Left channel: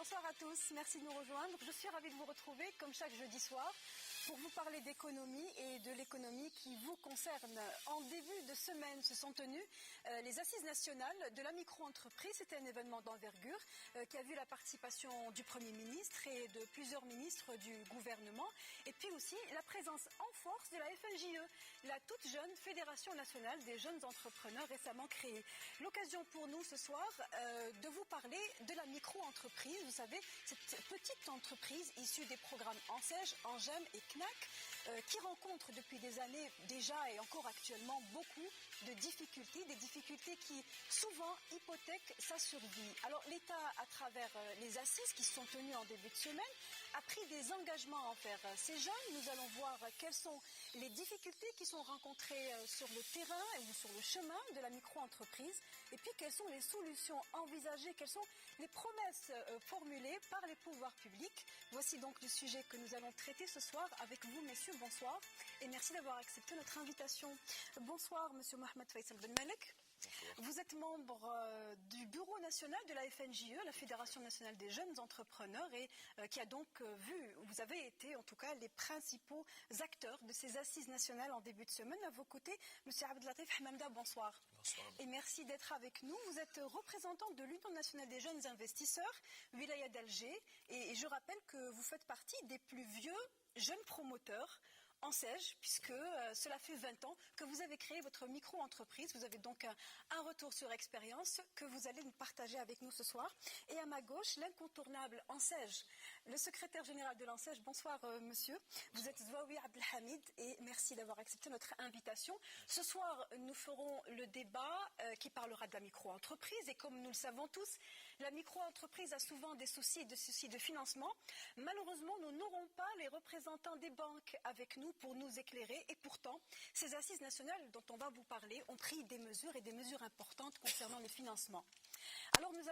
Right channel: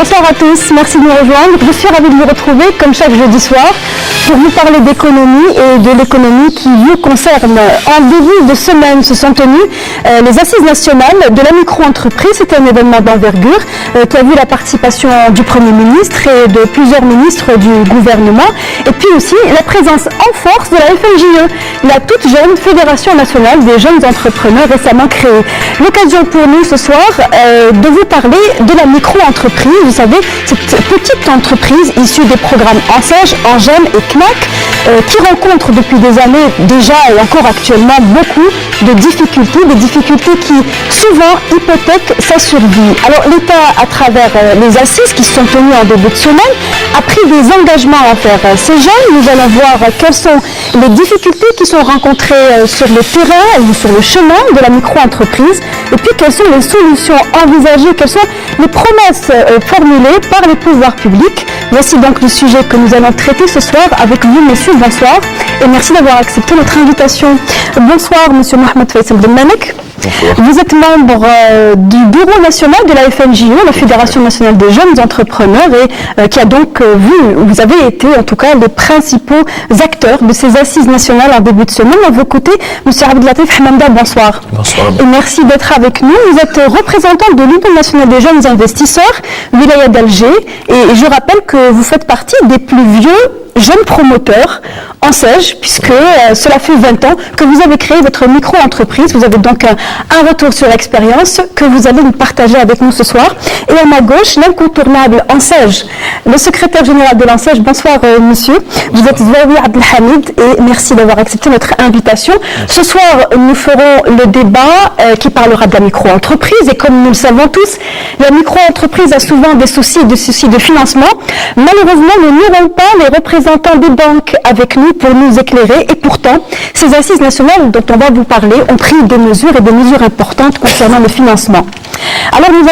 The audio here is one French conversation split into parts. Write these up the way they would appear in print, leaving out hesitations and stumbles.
Bonsoir à tous, merci de nous rejoindre. Je suis ravie de vous retrouver comme chaque jeudi soir pour vous parler d'économie et de l'économie qui vous concerne. En début de semaine se sont tenues les assises nationales de la micro-entreprise. C'était un événement d'envergure qui a vu la participation du Premier ministre et de plusieurs ministres du gouvernement et puis aussi la présence en force de la FNJE, la toute jeune Fédération nationale des jeunes entrepreneurs récemment créée. L'occasion pour nous ce soir de vous parler de la micro-entreprise. Vous savez, cette petite entreprise issue des programmes ANSEJ, ANGEM et CNAC qui rencontre depuis des années déjà et encore actuellement beaucoup de difficultés, des difficultés qui souvent hypothèquent sa survie. Alors l'État, à travers les assises qui se sont tenues en début de semaine, a pris des engagements envers ces jeunes. Nous allons voir quelles sont les difficultés qui sont rencontrées sur le terrain ou sur le chemin de la micro-entreprise et puis quelles sont les solutions envisagées, quelles sont les promesses formulées par les pouvoirs publics. Voici donc le sujet que nous allons traiter ce soir avec vous, messieurs. Bonsoir et merci d'avoir accepté notre invitation. Bonsoir, monsieur Mohamed Faisal Benmanek. Vous êtes membre du bureau national de la FNJE, la Fédération nationale des jeunes entrepreneurs, et qui a donc vous avez été en tout cas les principaux acteurs de ces assises nationales en début de semaine. À vos côtés, M. Abdellatif Hamanda, bonsoir. Bonsoir. Et merci d'être avec nous. Vous êtes représentant de l'Union nationale des jeunes investisseurs, Wilaya d'Alger, et je rappelle que vous faites partie des plus vieux jeunes promoteurs ANSEJ, puisque cela fait 20 ans que vous avez créé votre micro-entreprise. Vous avez donc un retour sur l'expérience que vous allez nous partager avec nous ce soir. Et à ma gauche, l'incontournable ANSEJ, le secrétaire général de l'ANSEJ. Bonsoir monsieur. Vous êtes Zouaoui Abdelhamid et merci d'avoir accepté notre invitation. Ce soir, nous ferons le débat qui parlera de la micro-entreprise et comme nous le savons tous, la micro-entreprise a souvent des soucis de financement. Malheureusement, nous n'aurons pas les représentants des banques avec nous pour nous éclairer et pourtant, ces assises nationales dont on va vous parler ont pris des mesures et des mesures importantes concernant le financement. Alors nous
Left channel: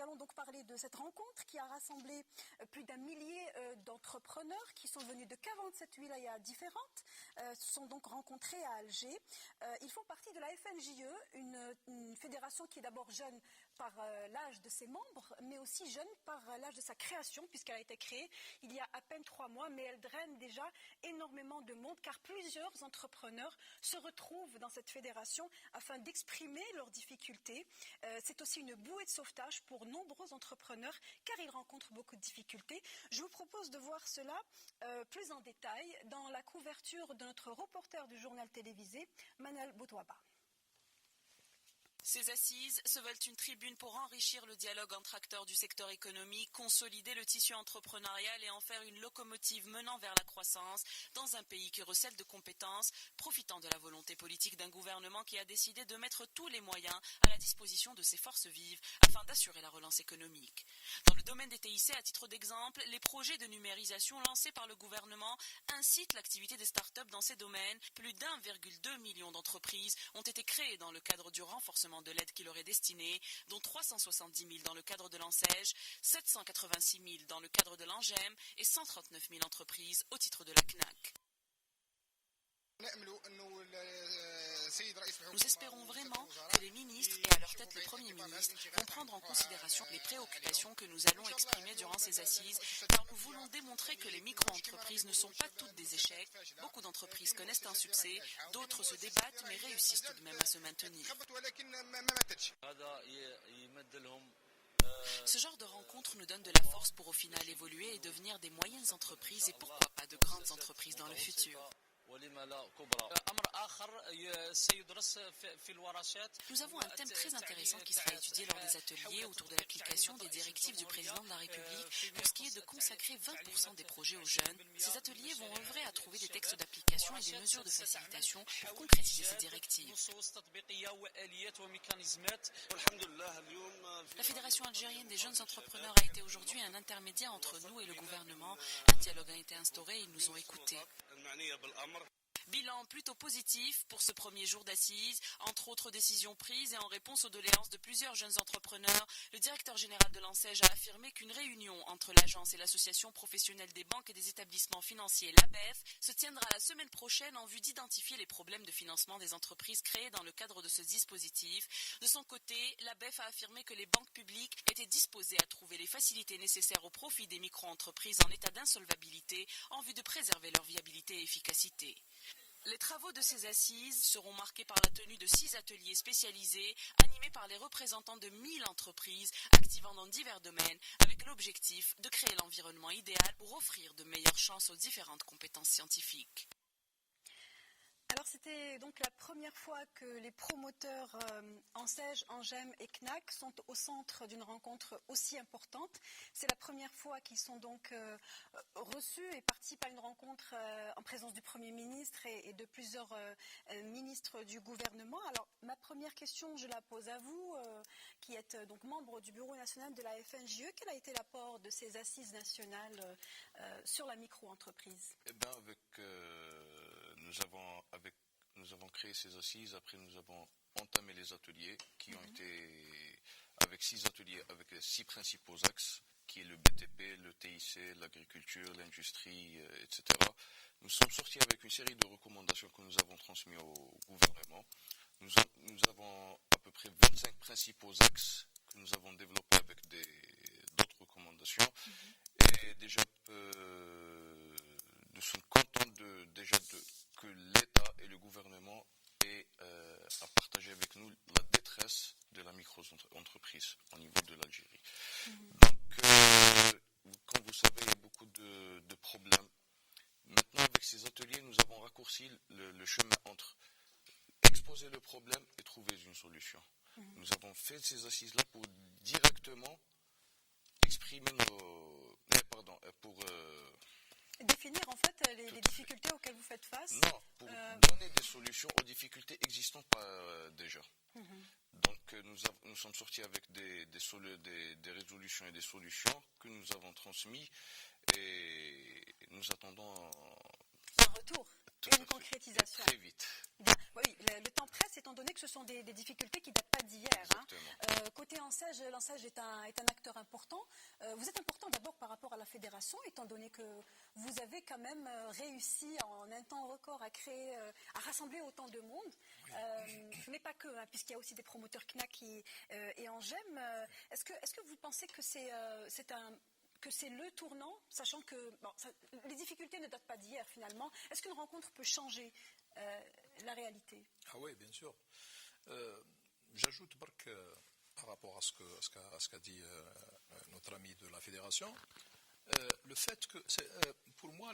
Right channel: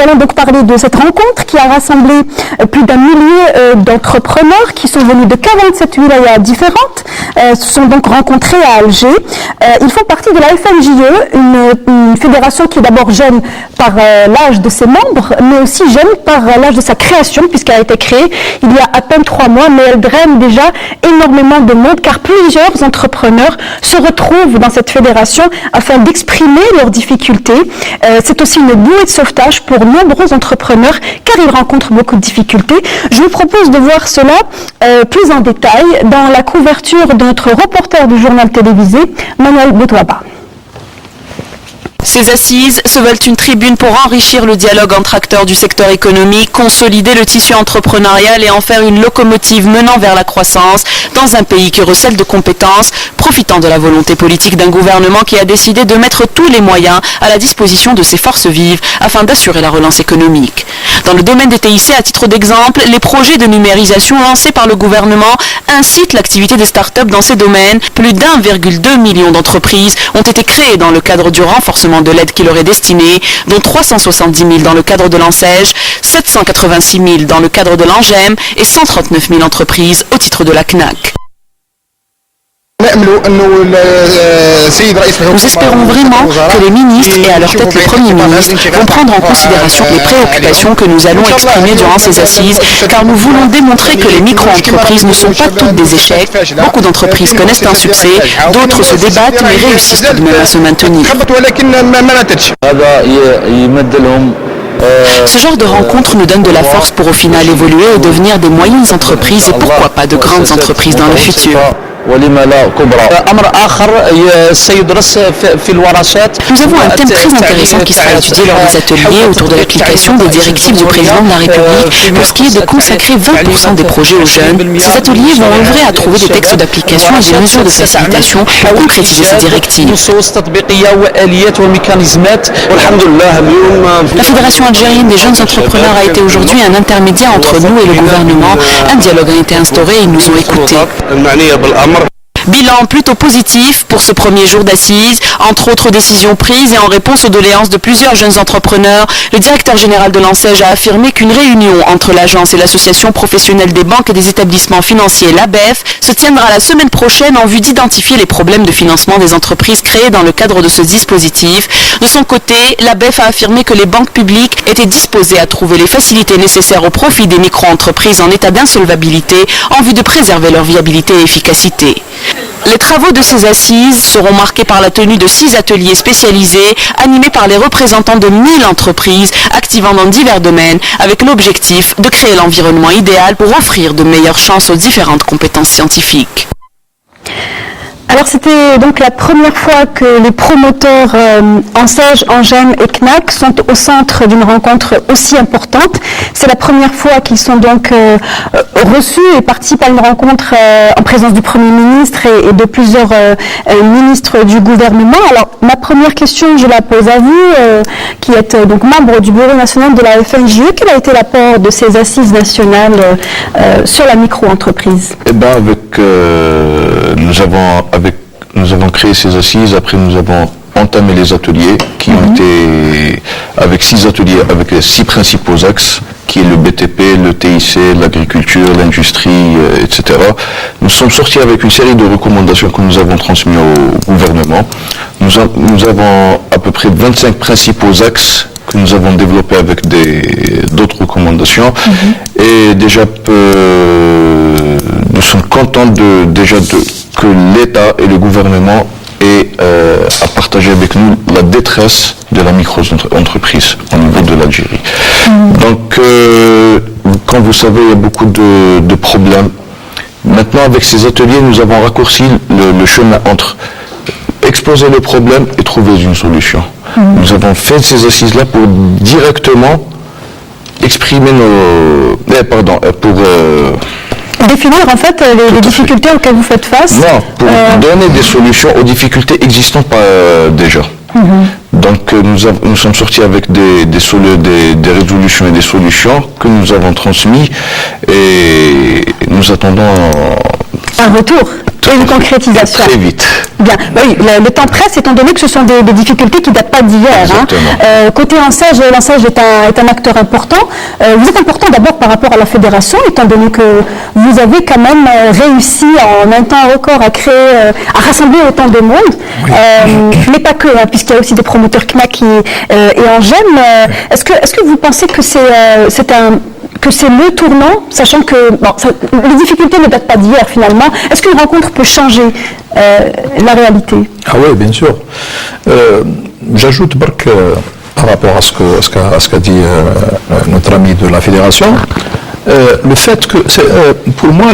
allons donc parler de cette rencontre qui a rassemblé plus d'un millier d'entrepreneurs qui sont venus de 47 wilayas différentes, se sont donc rencontrés à Alger. Ils font partie de la FNJE, une fédération qui est d'abord jeune par l'âge de ses membres, mais aussi jeune par l'âge de sa création, puisqu'elle a été créée il y a à peine 3 mois, mais elle draine déjà énormément de monde, car plusieurs entrepreneurs se retrouvent dans cette fédération afin d'exprimer leurs difficultés. C'est aussi une bouée de sauvetage pour nombreux entrepreneurs, car ils rencontrent beaucoup de difficultés. Je vous propose de voir cela plus en détail dans la couverture de notre reporter du journal télévisé, Manuel Boutouaba. Ces assises se veulent une tribune pour enrichir le dialogue entre acteurs du secteur économique, consolider le tissu entrepreneurial et en faire une locomotive menant vers la croissance dans un pays qui recèle de compétences, profitant de la volonté politique d'un gouvernement qui a décidé de mettre tous les moyens à la disposition de ses forces vives afin d'assurer la relance économique. Dans le domaine des TIC, à titre d'exemple, les projets de numérisation lancés par le gouvernement incitent l'activité des start-up dans ces domaines. Plus d'1,2 million d'entreprises ont été créées dans le cadre du renforcement de l'aide qui leur est destinée, dont 370 000 dans le cadre de l'ANSEJ, 786 000 dans le cadre de l'ANGEM et 139 000 entreprises au titre de la CNAC. Nous espérons vraiment que les ministres et à leur tête le Premier ministre vont prendre en considération les préoccupations que nous allons exprimer durant ces assises, car nous voulons démontrer que les micro-entreprises ne sont pas toutes des échecs. Beaucoup d'entreprises connaissent un succès, d'autres se débattent mais réussissent tout de même à se maintenir. Ce genre de rencontre nous donne de la force pour au final évoluer et devenir des moyennes entreprises et pourquoi pas de grandes entreprises dans le futur. Nous avons un thème très intéressant qui sera étudié lors des ateliers autour de l'application des directives du président de la République pour ce qui est de consacrer 20% des projets aux jeunes. Ces ateliers vont œuvrer à trouver des textes d'application et des mesures de facilitation pour concrétiser ces directives. La Fédération algérienne des jeunes entrepreneurs a été aujourd'hui un intermédiaire entre nous et le gouvernement. Un dialogue a été instauré et ils nous ont écoutés. Bilan plutôt positif pour ce premier jour d'assises. Entre autres décisions prises et en réponse aux doléances de plusieurs jeunes entrepreneurs, le directeur général de l'ANSEJ a affirmé qu'une réunion entre l'agence et l'association professionnelle des banques et des établissements financiers, l'ABEF, se tiendra la semaine prochaine en vue d'identifier les problèmes de financement des entreprises créées dans le cadre de ce dispositif. De son côté, l'ABEF a affirmé que les banques publiques étaient disposées à trouver les facilités nécessaires au profit des micro-entreprises en état d'insolvabilité en vue de préserver leur viabilité et efficacité. Les travaux de ces assises seront marqués par la tenue de 6 ateliers spécialisés animés par les représentants de 1000 entreprises activant dans divers domaines avec l'objectif de créer l'environnement idéal pour offrir de meilleures chances aux différentes compétences scientifiques. Alors c'était donc la première fois que les promoteurs ANSEJ, ANGEM et CNAC sont au centre d'une rencontre aussi importante. C'est la première fois qu'ils sont donc reçus et participent à une rencontre en présence du Premier ministre et de plusieurs ministres du gouvernement. Alors ma première question, je la pose à vous, qui êtes donc membre du Bureau national de la FNJE. Quel a été l'apport de ces assises nationales sur la micro-entreprise? Eh bien, nous avons créé ces assises, après nous avons entamé les ateliers qui ont été avec 6 ateliers, avec les 6 principaux axes, qui est le BTP, le TIC, l'agriculture, l'industrie, etc. Nous sommes sortis avec une série de recommandations que nous avons transmises au gouvernement. Nous avons à peu près 25 principaux axes que nous avons développés avec d'autres recommandations. Et déjà, nous sommes contents que l'État et le gouvernement aient à partager avec nous la détresse de la micro-entreprise au niveau de l'Algérie. Donc, comme vous savez, il y a beaucoup de problèmes. Maintenant, avec ces ateliers, nous avons raccourci le chemin entre exposer le problème et trouver une solution. Nous avons fait ces assises-là pour directement exprimer définir en fait les difficultés auxquelles vous faites face. Non, pour donner des solutions aux difficultés existantes déjà. Donc nous sommes sortis avec des résolutions et des solutions que nous avons transmises et nous attendons un retour et une concrétisation. Très vite. Bien. Oui, le temps presse étant donné que ce sont des difficultés qui ne datent pas d'hier. Côté ANSEJ, l'ANSEJ est un acteur important. Vous êtes important d'abord par rapport à la fédération, étant donné que vous avez quand même réussi en un temps record à rassembler autant de monde. Oui. Mais pas que, puisqu'il y a aussi des promoteurs CNAC et ANGEM. Est-ce que vous pensez que c'est le tournant, sachant que les difficultés ne datent pas d'hier finalement. Est-ce qu'une rencontre peut changer la réalité? Ah oui, bien sûr. J'ajoute que par rapport à ce qu'a dit notre ami de la fédération, le fait que, pour moi,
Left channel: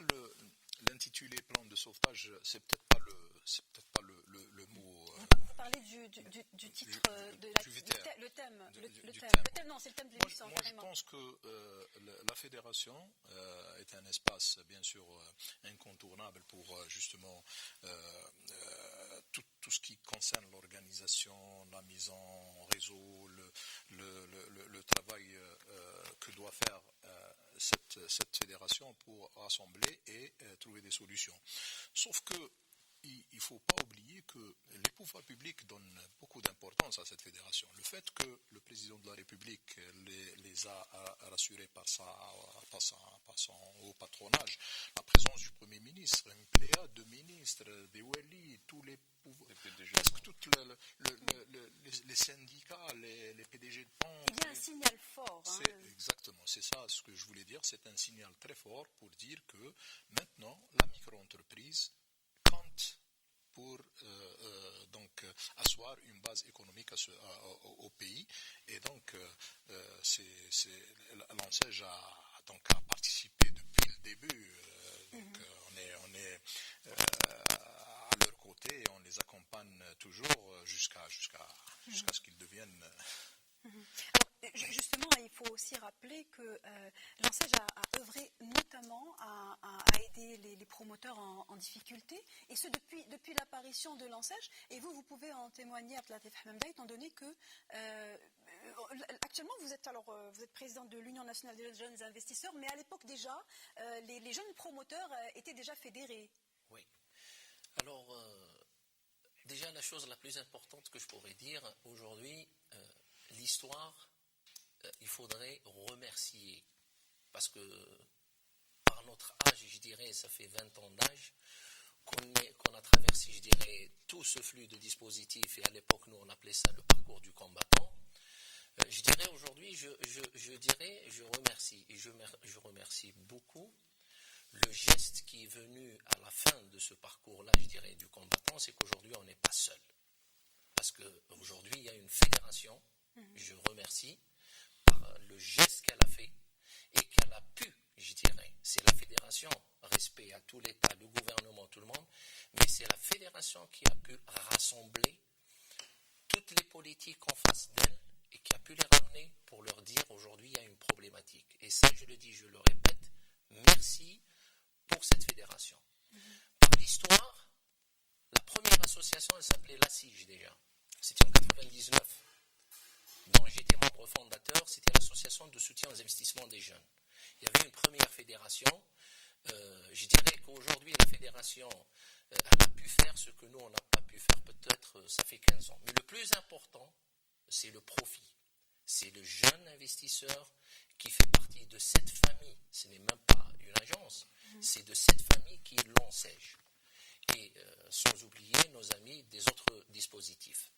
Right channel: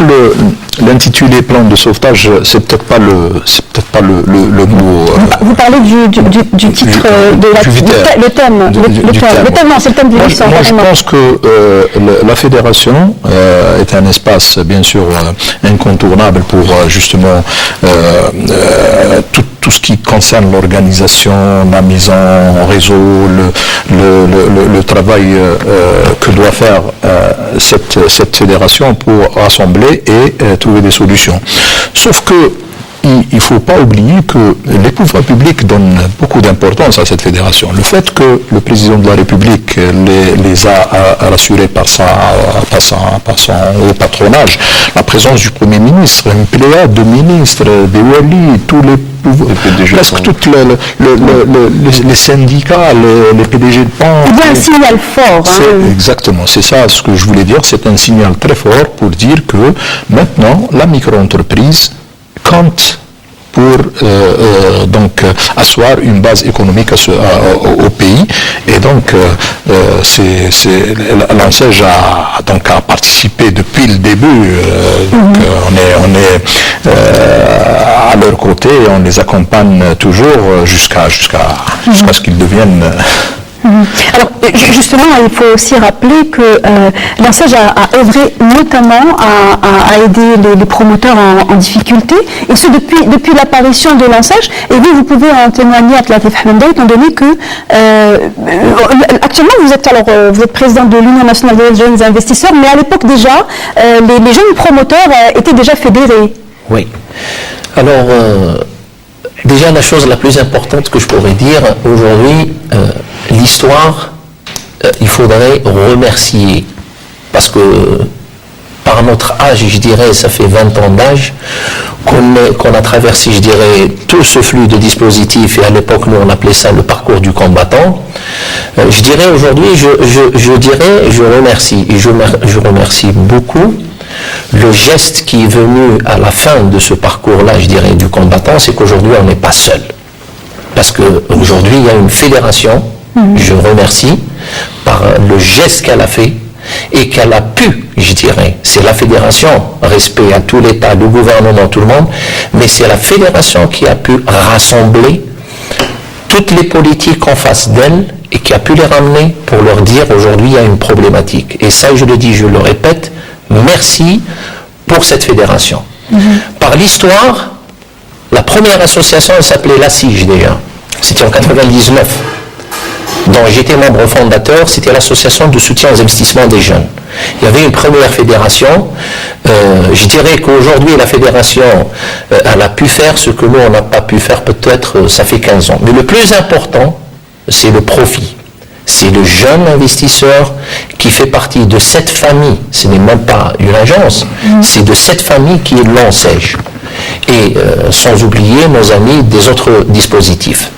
l'intitulé plan de sauvetage, c'est peut-être pas le mot. Vous parlez du titre, le thème. Le thème, non, c'est le thème de l'émission. Moi, je pense que la fédération est un espace, bien sûr, incontournable pour justement tout ce qui concerne l'organisation, la mise en réseau, le travail que doit faire cette fédération pour rassembler et trouver des solutions. Sauf que il ne faut pas oublier que les pouvoirs publics donnent beaucoup d'importance à cette fédération. Le fait que le président de la République les a rassurés par son haut patronage, la présence du Premier ministre, une pléiade de ministres, des wali, tous les presque tous les syndicats, les PDG de banque. Il y a un signal fort. Exactement, c'est ça ce que je voulais dire. C'est un signal très fort pour dire que maintenant, la micro-entreprise compte pour asseoir une base économique au pays. Et donc, l'ANSEJ a participé depuis le début. On est à leur côté et on les accompagne toujours jusqu'à ce qu'ils deviennent... Alors justement, il faut aussi rappeler que l'ANSEJ a œuvré notamment à aider les promoteurs en difficulté, et ce depuis l'apparition de l'ANSEJ. Et vous pouvez en témoigner à Latif Hamenda, étant donné que actuellement vous êtes président de l'Union nationale des jeunes investisseurs, mais à l'époque déjà, les jeunes promoteurs étaient déjà fédérés. Oui. Alors, déjà la chose la plus importante que je pourrais dire, aujourd'hui, l'histoire, il faudrait remercier, parce que par notre âge, je dirais, ça fait 20 ans d'âge, qu'on a traversé, je dirais, tout ce flux de dispositifs, et à l'époque, nous, on appelait ça le parcours du combattant. Je dirais aujourd'hui, je remercie, et je remercie beaucoup le geste qui est venu à la fin de ce parcours-là, je dirais, du combattant, c'est qu'aujourd'hui, on n'est pas seul. Parce qu'aujourd'hui, il y a une fédération, je remercie, par le geste qu'elle a fait, et qu'elle a pu, je dirais, c'est la fédération, respect à tout l'État, le gouvernement, tout le monde, mais c'est la fédération qui a pu rassembler toutes les politiques en face d'elle et qui a pu les ramener pour leur dire aujourd'hui il y a une problématique. Et ça, je le dis, je le répète, merci pour cette fédération. Par l'histoire, la première association, elle s'appelait l'ASSIGE déjà, c'était en 99. dont j'étais membre fondateur, c'était l'association de soutien aux investissements des jeunes. Il y avait une première fédération, je dirais qu'aujourd'hui la fédération, elle a pu faire ce que nous on n'a pas pu faire peut-être, ça fait 15 ans. Mais le plus important, c'est le profit. C'est le jeune investisseur qui fait partie de cette famille, ce n'est même pas une agence, c'est de cette famille qui est l'ANSEJ. Et sans oublier nos amis des autres dispositifs.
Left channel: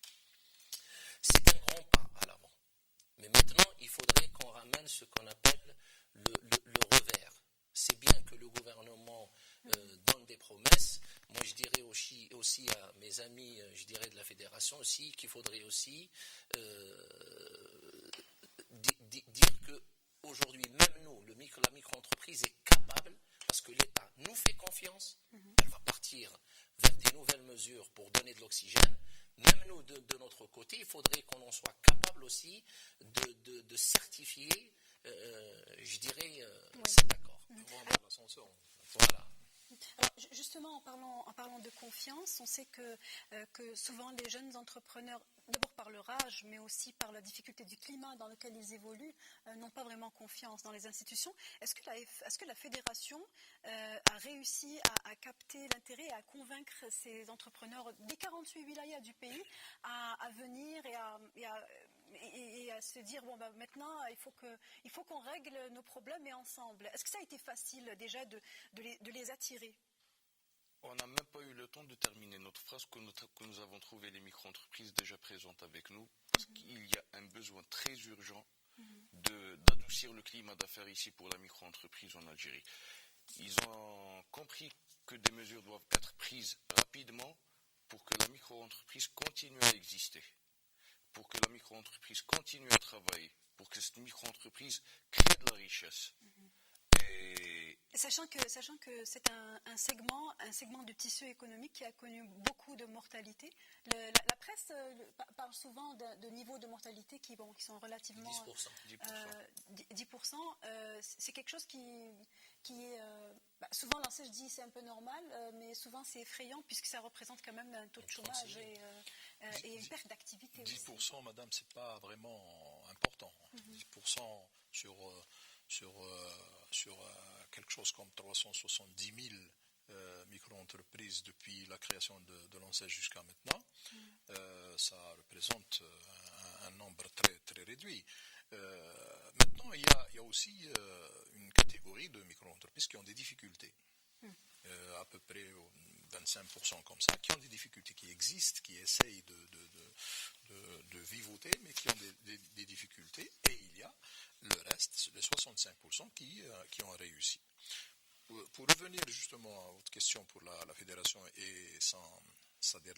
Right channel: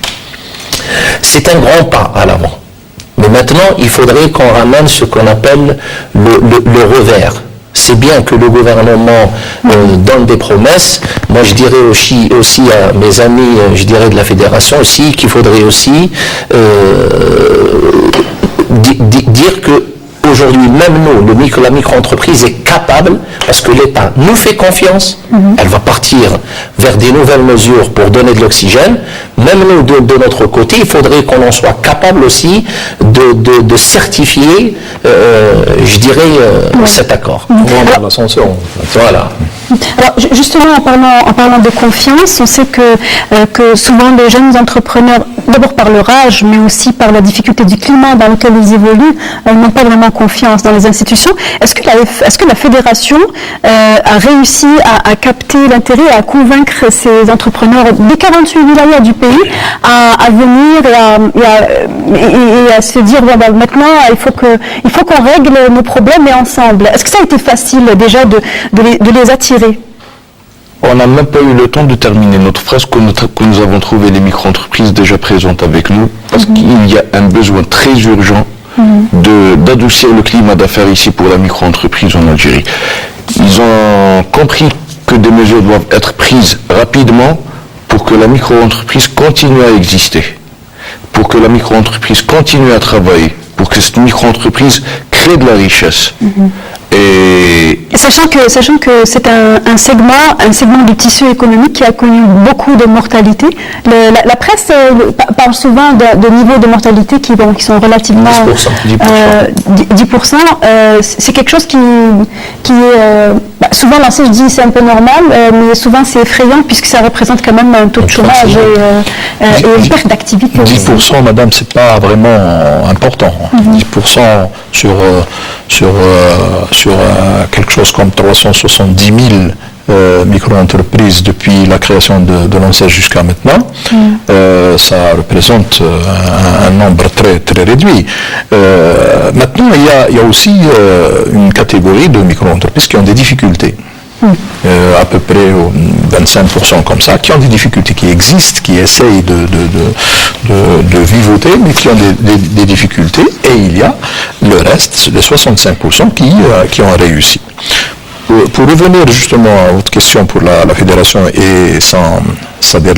C'est un grand pas à l'avant. Mais maintenant, il faudrait qu'on ramène ce qu'on appelle le revers. C'est bien que le gouvernement donne des promesses. Moi, je dirais aussi à mes amis, je dirais de la fédération aussi, qu'il faudrait aussi dire que aujourd'hui, même nous, la micro-entreprise est capable, parce que l'État nous fait confiance, elle va partir vers des nouvelles mesures pour donner de l'oxygène. Même nous, de notre côté, il faudrait qu'on en soit capable aussi de certifier, je dirais, cet accord. Voilà. Alors justement, en parlant de confiance, on sait que souvent les jeunes entrepreneurs, d'abord par leur âge, mais aussi par la difficulté du climat dans lequel ils évoluent, n'ont pas vraiment confiance dans les institutions. Est-ce que la fédération a réussi à capter l'intérêt, à convaincre ces entrepreneurs des 48 wilayas du pays à venir et à se dire bon, maintenant il faut qu'on règle nos problèmes et ensemble. Est-ce que ça a été facile déjà de les attirer? On n'a même pas eu le temps de terminer notre phrase que nous avons trouvé les micro-entreprises déjà présentes avec nous, parce qu'il y a un besoin très urgent d'adoucir le climat d'affaires ici pour la micro-entreprise en Algérie. Ils ont compris que des mesures doivent être prises rapidement pour que la micro-entreprise continue à exister, pour que la micro-entreprise continue à travailler, pour que cette micro-entreprise crée de la richesse. Et sachant que c'est un segment du tissu économique qui a connu beaucoup de mortalité. La presse parle souvent de niveaux de mortalité qui sont relativement 10%. C'est quelque chose qui est souvent lancé, je dis c'est un peu normal, mais souvent c'est effrayant puisque ça représente quand même un taux de chômage et une perte d'activité. 10%, madame, c'est pas vraiment important. 10% sur quelque chose comme 370 000 micro-entreprises depuis la création de l'ANSEJ jusqu'à maintenant, ça représente un nombre très, très réduit. Maintenant, il y a aussi une catégorie de micro-entreprises qui ont des difficultés. À peu près 25% comme ça, qui ont des difficultés, qui existent, qui essayent de vivoter, mais qui ont des difficultés, et il y a le reste, les 65% qui ont réussi. Pour revenir justement à votre question pour la fédération et c'est-à-dire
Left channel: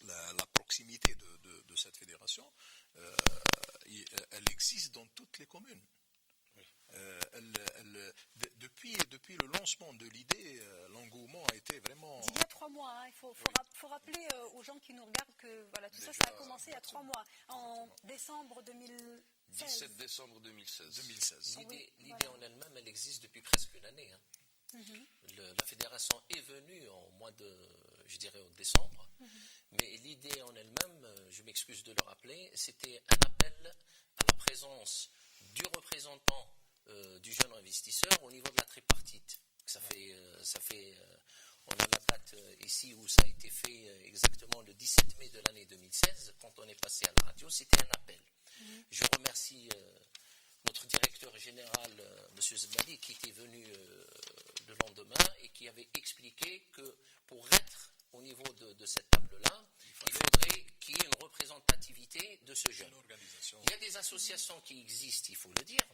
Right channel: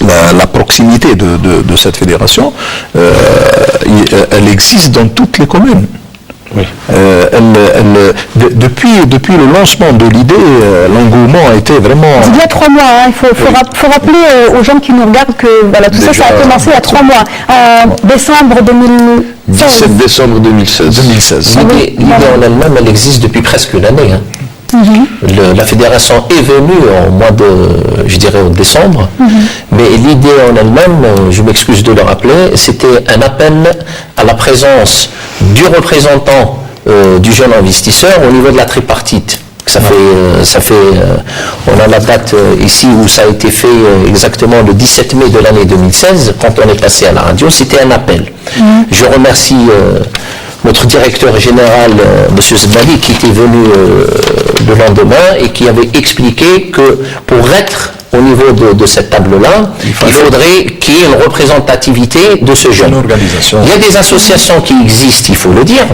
la proximité de cette fédération, elle existe dans toutes les communes. Oui. Depuis le lancement de l'idée, l'engouement a été vraiment... Il y a 3 mois, il faut rappeler aux gens qui nous regardent que tout ça a commencé il y a 3 mois, en décembre 2016. 17 décembre 2016. L'idée en elle-même, elle existe depuis presque une année. La fédération est venue au mois de décembre, mais l'idée en elle-même, je m'excuse de le rappeler, c'était un appel à la présence du représentant du jeune investisseur au niveau de la tripartite, que On a la date ici où ça a été fait exactement le 17 mai de l'année 2016, quand on est passé à la radio, c'était un appel. Je remercie notre directeur général, M. Zebali, qui était venu le lendemain et qui avait expliqué que pour être au niveau de cette table-là, il faudrait qu'il y ait une représentativité de ce jeune. Il y a des associations qui existent, il faut le dire,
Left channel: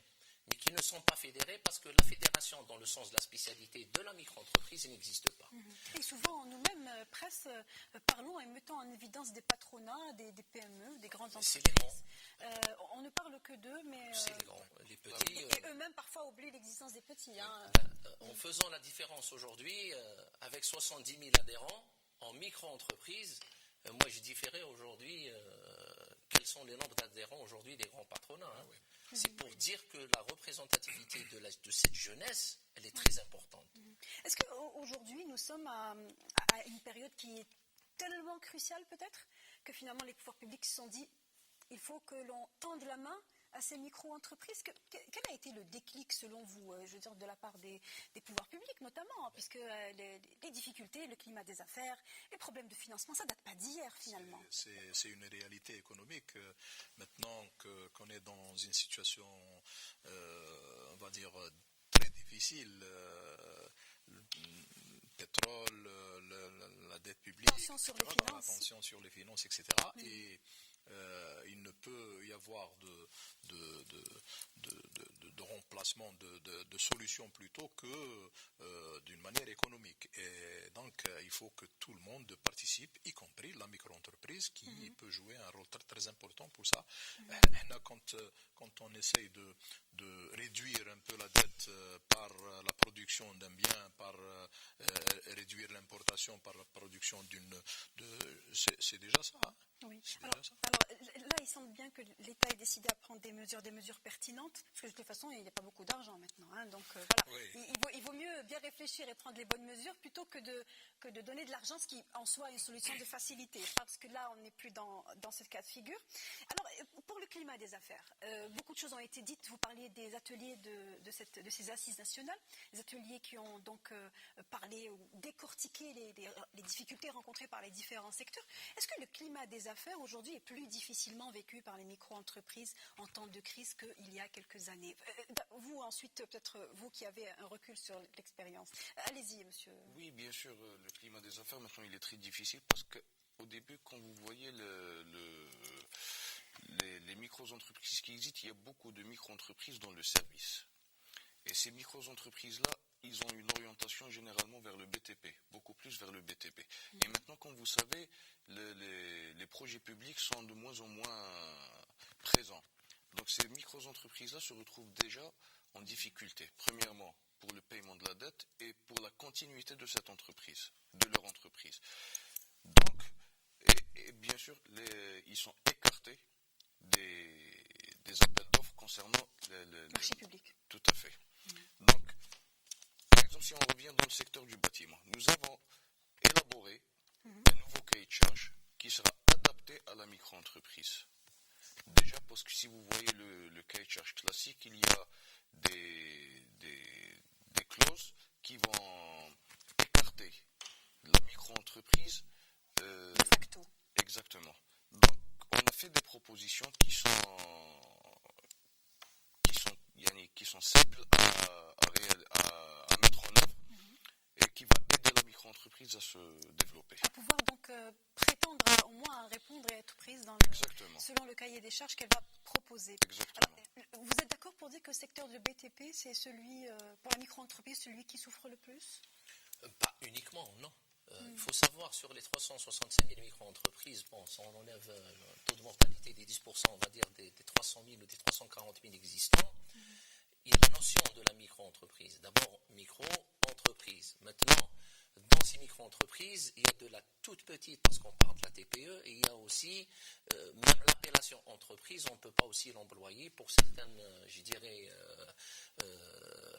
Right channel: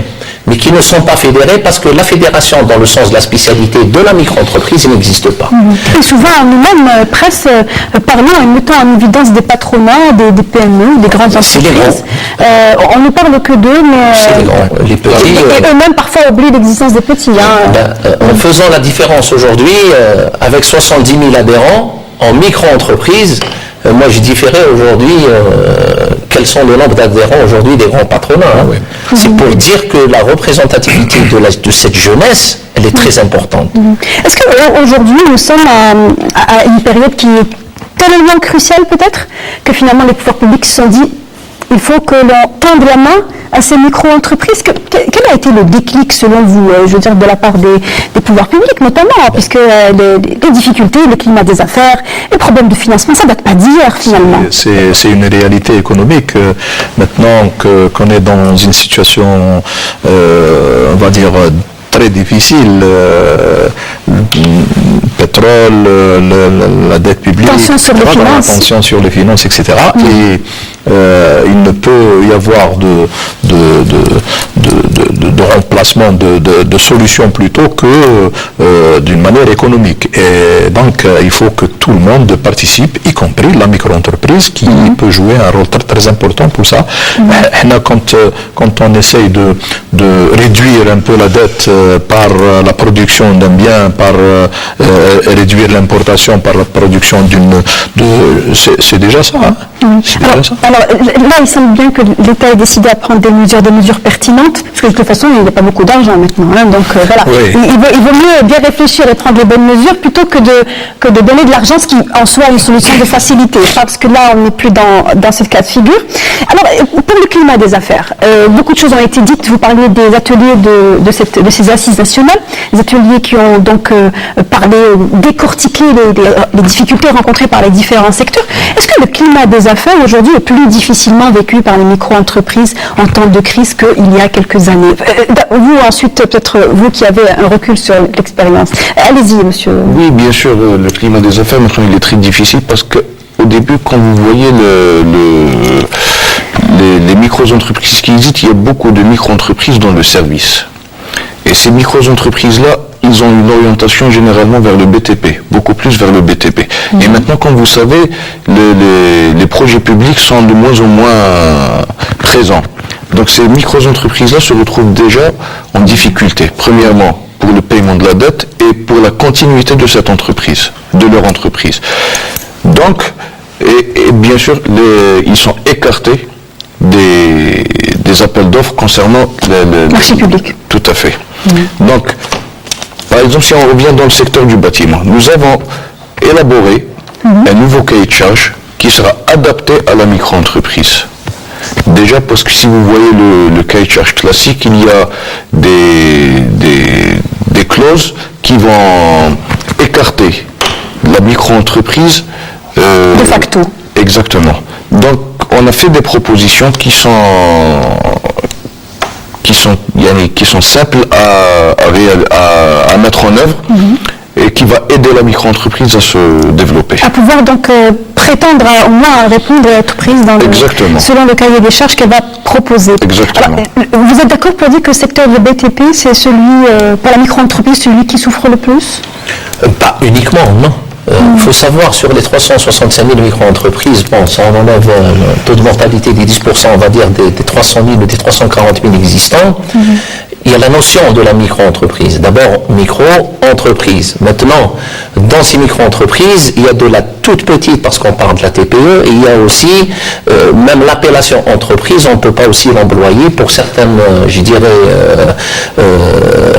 mais qui ne sont pas fédérées parce que la fédération, dans le sens de la spécialité de la micro-entreprise, n'existe pas. Et souvent, nous-mêmes, presse, parlons et mettons en évidence des patronats, des PME, des grandes entreprises. On ne parle que d'eux, mais... C'est les grands, les petits... Et eux-mêmes, parfois, oublient l'existence des petits. En faisant la différence aujourd'hui, avec 70 000 adhérents, en micro-entreprise, moi je différais aujourd'hui quels sont le nombre d'adhérents aujourd'hui des grands patronats. C'est pour dire que la représentativité de cette jeunesse, elle est très importante. Est-ce qu'aujourd'hui nous sommes à une période qui est tellement cruciale peut-être que finalement les pouvoirs publics se sont dit il faut que l'on tende la main à ces micro-entreprises. Quel a été le déclic, selon vous, je veux dire, de la part des pouvoirs publics, notamment, puisque les difficultés, le climat des affaires, les problèmes de financement, ça ne date pas d'hier, finalement. C'est une réalité économique. Maintenant qu'on est dans une situation, on va dire, très difficile, le pétrole, la dette publique, tension sur les finances. La tension sur les finances, etc. Et il ne peut y avoir de remplacement, de solution plutôt que d'une manière économique. Et donc, il faut que tout le monde participe, y compris la micro-entreprise qui peut jouer un rôle très, très important pour ça. Quand on essaye de réduire un peu la dette par la production d'un bien, par réduire l'importation par la production c'est déjà ça. Alors là, il semble bien que l'État ait décidé à prendre des mesures pertinentes, parce que de toute façon, il n'y a pas beaucoup d'argent maintenant. Donc voilà, oui. Il vaut mieux bien réfléchir et prendre les bonnes mesures plutôt que de donner de l'argent, ce qui en soit une solution de facilité. Parce que là, on n'est plus dans ce cas de figure. Alors, pour le climat des affaires, beaucoup de choses ont été dites. Vous parliez des ateliers de ces assises nationales, les ateliers qui ont donc décortiqué les difficultés rencontrées par les différents secteurs. Est-ce que le climat des affaires aujourd'hui est plus difficilement vécu par les micro-entreprises en temps de crise qu'il y a quelques années? Vous ensuite, peut-être vous qui avez un recul sur l'expérience. Allez-y, monsieur. Oui, bien sûr, le climat des affaires, maintenant, il est très difficile parce que au début, quand vous voyez les micro-entreprises qui existent, il y a beaucoup de micro-entreprises dans le service. Et ces micro-entreprises-là, ils ont une orientation généralement vers le BTP, beaucoup plus vers le BTP. Et maintenant, comme vous savez, les projets publics sont de moins en moins présents. Donc ces micro-entreprises-là se retrouvent déjà en difficulté. Premièrement, pour le paiement de la dette et pour la continuité de cette entreprise, de leur entreprise. Donc, et bien sûr, ils sont écartés des appels d'offres concernant le marché public. Tout à fait. Donc, par exemple, si on revient dans le secteur du bâtiment, nous avons élaboré un nouveau cahier de charge qui sera adapté à la micro-entreprise. Déjà parce que si vous voyez le cahier de charge classique, il y a des clauses qui vont écarter la micro-entreprise. De facto. Exactement. Donc, on a fait des propositions qui sont simples à mettre en œuvre et qui va aider la micro-entreprise à se développer. À pouvoir donc prétendre au moins à répondre à toute prise selon le cahier des charges qu'elle va proposer. Exactement. Alors, vous êtes d'accord pour dire que le secteur de BTP, c'est celui, pour la micro-entreprise, celui qui souffre le plus? Pas uniquement, non. Il faut savoir, sur les 365 000 micro-entreprises, si on enlève un taux de mortalité des 10%, on va dire, des 300 000 ou des 340 000 existants, il y a la notion de la micro-entreprise. D'abord, micro-entreprise. Maintenant, dans ces micro-entreprises, il y a de la toute petite, parce qu'on parle de la TPE, et il y a aussi, même l'appellation entreprise, on ne peut pas aussi l'employer pour certaines, je dirais,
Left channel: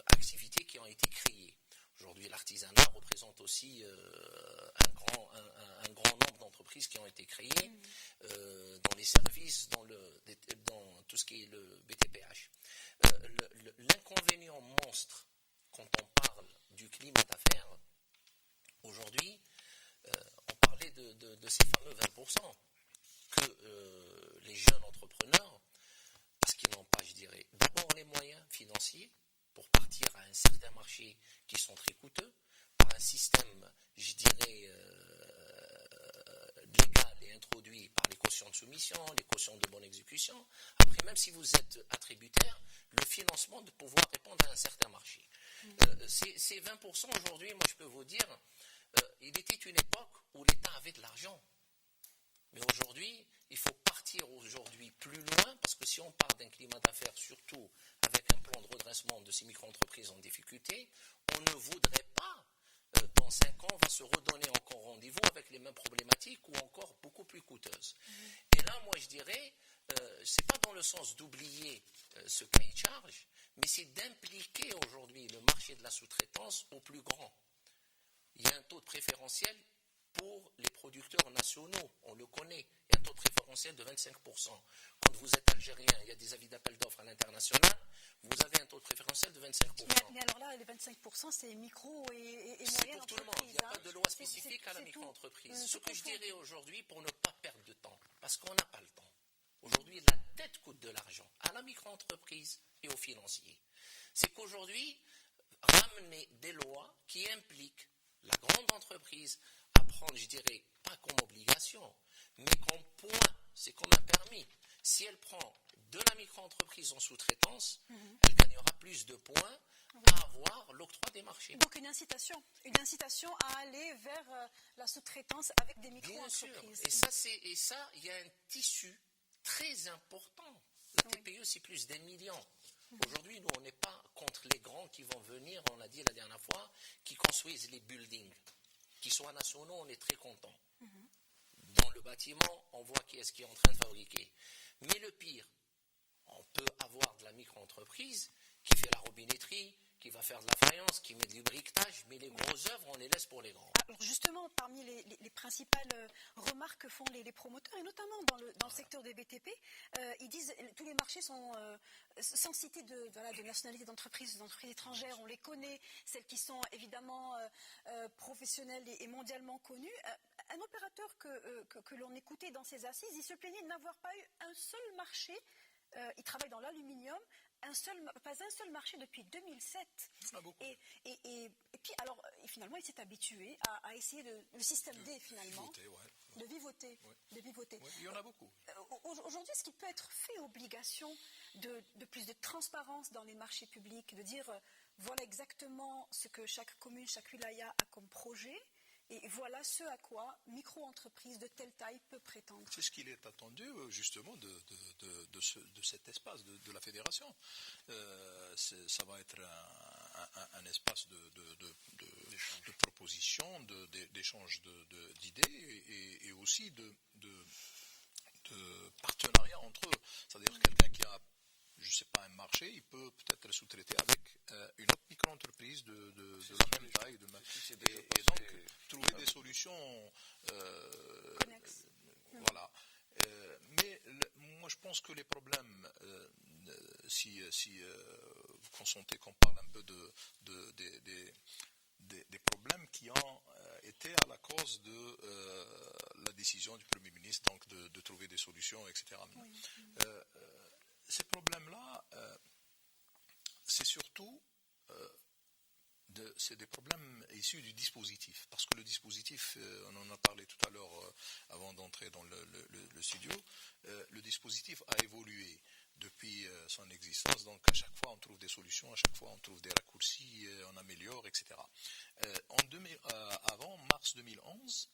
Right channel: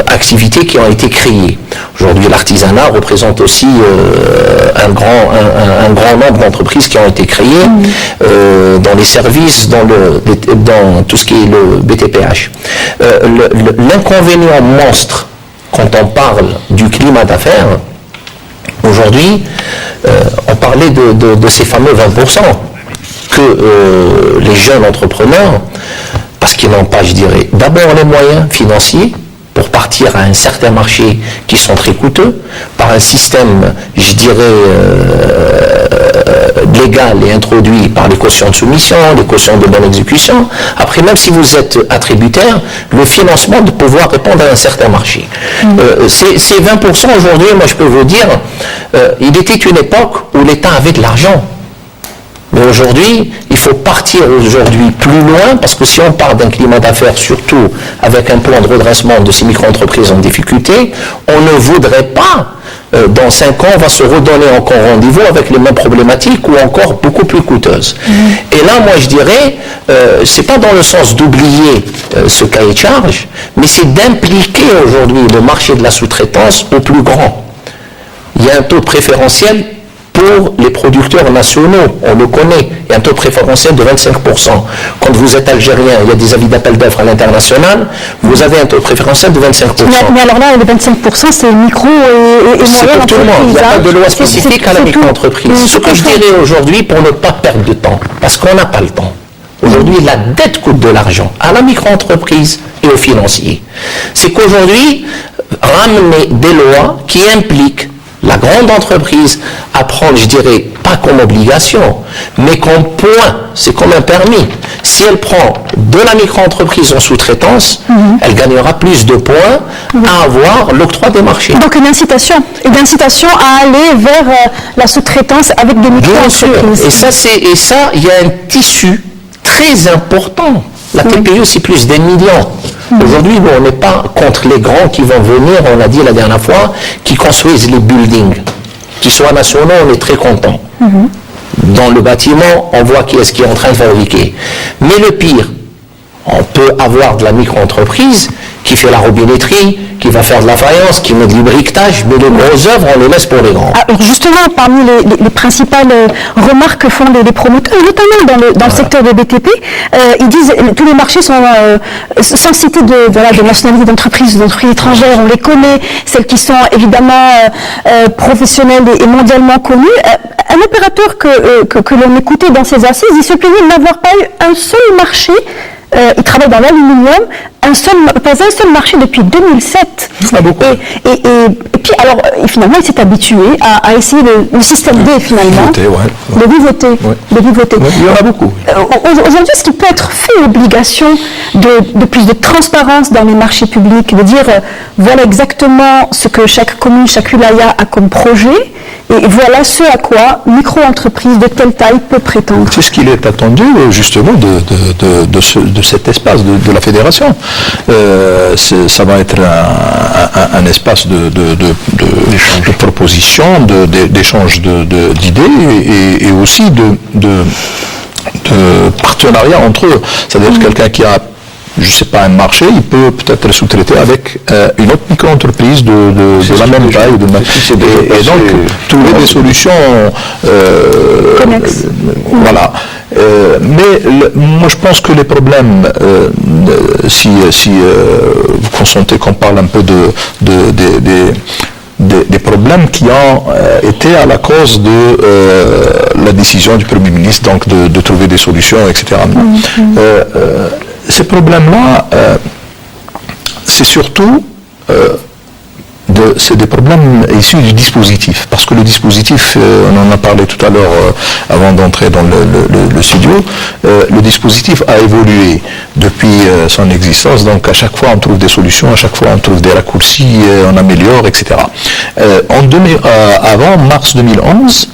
activités qui ont été créées. Aujourd'hui, l'artisanat représente aussi un grand nombre d'entreprises qui ont été créées dans les services, dans tout ce qui est le BTPH. L'inconvénient monstre quand on parle du climat d'affaires, aujourd'hui, on parlait de ces fameux 20% que les jeunes entrepreneurs, parce qu'ils n'ont pas, je dirais, d'abord les moyens financiers pour partir à un certain marché qui sont très coûteux, par un système, je dirais, légal et introduit par les cautions de soumission, les cautions de bonne exécution. Après, même si vous êtes attributaire, le financement de pouvoir répondre à un certain marché. Ces 20% aujourd'hui, moi je peux vous dire, il était une époque où l'État avait de l'argent. Mais aujourd'hui, il faut partir aujourd'hui plus loin, parce que si on part d'un climat d'affaires, surtout avec un plan de redressement de ces micro-entreprises en difficulté, on ne voudrait pas, dans 5 ans, on va se redonner encore rendez-vous avec les mêmes problématiques ou encore beaucoup plus coûteuses. Et là, moi, je dirais, c'est pas dans le sens d'oublier ce cahier de charge, mais c'est d'impliquer aujourd'hui le marché de la sous-traitance au plus grand. Il y a un taux préférentiel pour les producteurs nationaux, on le connaît, il y a un taux préférentiel de 25%. Quand vous êtes algérien, il y a des avis d'appel d'offres à l'international, vous avez un taux préférentiel de 25%. Mais alors là, les 25%, c'est micro et moyen. C'est pour tout le monde, il n'y a pas de loi C'est spécifique à la micro-entreprise. Ce que je dirais aujourd'hui, pour ne pas perdre de temps, parce qu'on n'a pas le temps, aujourd'hui, la dette coûte de l'argent à la micro-entreprise et aux financiers. C'est qu'aujourd'hui, ramener des lois qui impliquent la grande entreprise à prendre, je dirais, pas comme obligation, mais comme point, c'est comme un permis. Si elle prend de la micro-entreprise en sous-traitance, elle gagnera plus de points à avoir l'octroi des marchés. Donc une incitation à aller vers la sous-traitance avec des Bien sûr. micro-entreprises. Et ça, il y a un tissu très important. La TPE, c'est plus d'1 million. Aujourd'hui, nous, on n'est pas contre les grands qui vont venir, on l'a dit la dernière fois, qui construisent les buildings. Qu'ils soient nationaux, on est très contents. Dans le bâtiment, on voit qui est-ce qui est en train de fabriquer. Mais le pire, on peut avoir de la micro-entreprise qui fait la robinetterie, qui va faire de la faïence, qui met du briquetage, mais les grosses œuvres, on les laisse pour les grands. Alors justement, parmi les principales remarques que font les promoteurs, notamment dans le secteur des BTP, ils disent que tous les marchés sont, sans citer de nationalité d'entreprises étrangères, on les connaît, celles qui sont évidemment professionnelles et mondialement connues. Un opérateur que l'on écoutait dans ces assises, il se plaignait de n'avoir pas eu un seul marché. Il travaille dans l'aluminium, pas un seul marché depuis 2007. Et puis, alors, finalement, il s'est habitué à essayer le système D, finalement. De vivoter. Il y en a beaucoup. Aujourd'hui, est-ce qu'il peut être fait obligation de plus de transparence dans les marchés publics, de dire, voilà exactement ce que chaque commune, chaque wilaya a comme projet, et voilà ce à quoi micro-entreprise de telle taille peut prétendre. C'est ce qu'il est attendu, justement, de cet espace de la fédération. Ça va être un espace de proposition, d'échange d'idées et aussi de partenariat entre eux. C'est-à-dire quelqu'un qui a, je ne sais pas, un marché, il peut peut-être le sous-traiter avec une autre micro-entreprise de la même taille. Et donc, trouver des solutions connexes. Voilà. Mais moi je pense que les problèmes, si vous consentez qu'on parle un peu des problèmes qui ont été à la cause de la décision du Premier ministre, donc de trouver des solutions, etc. Ces problèmes-là, c'est surtout c'est des problèmes issus du dispositif, parce que le dispositif, on en a parlé tout à l'heure avant d'entrer dans le studio, le dispositif a évolué depuis son existence, donc à chaque fois on trouve des solutions, à chaque fois on trouve des raccourcis, on améliore, etc. Avant mars 2011,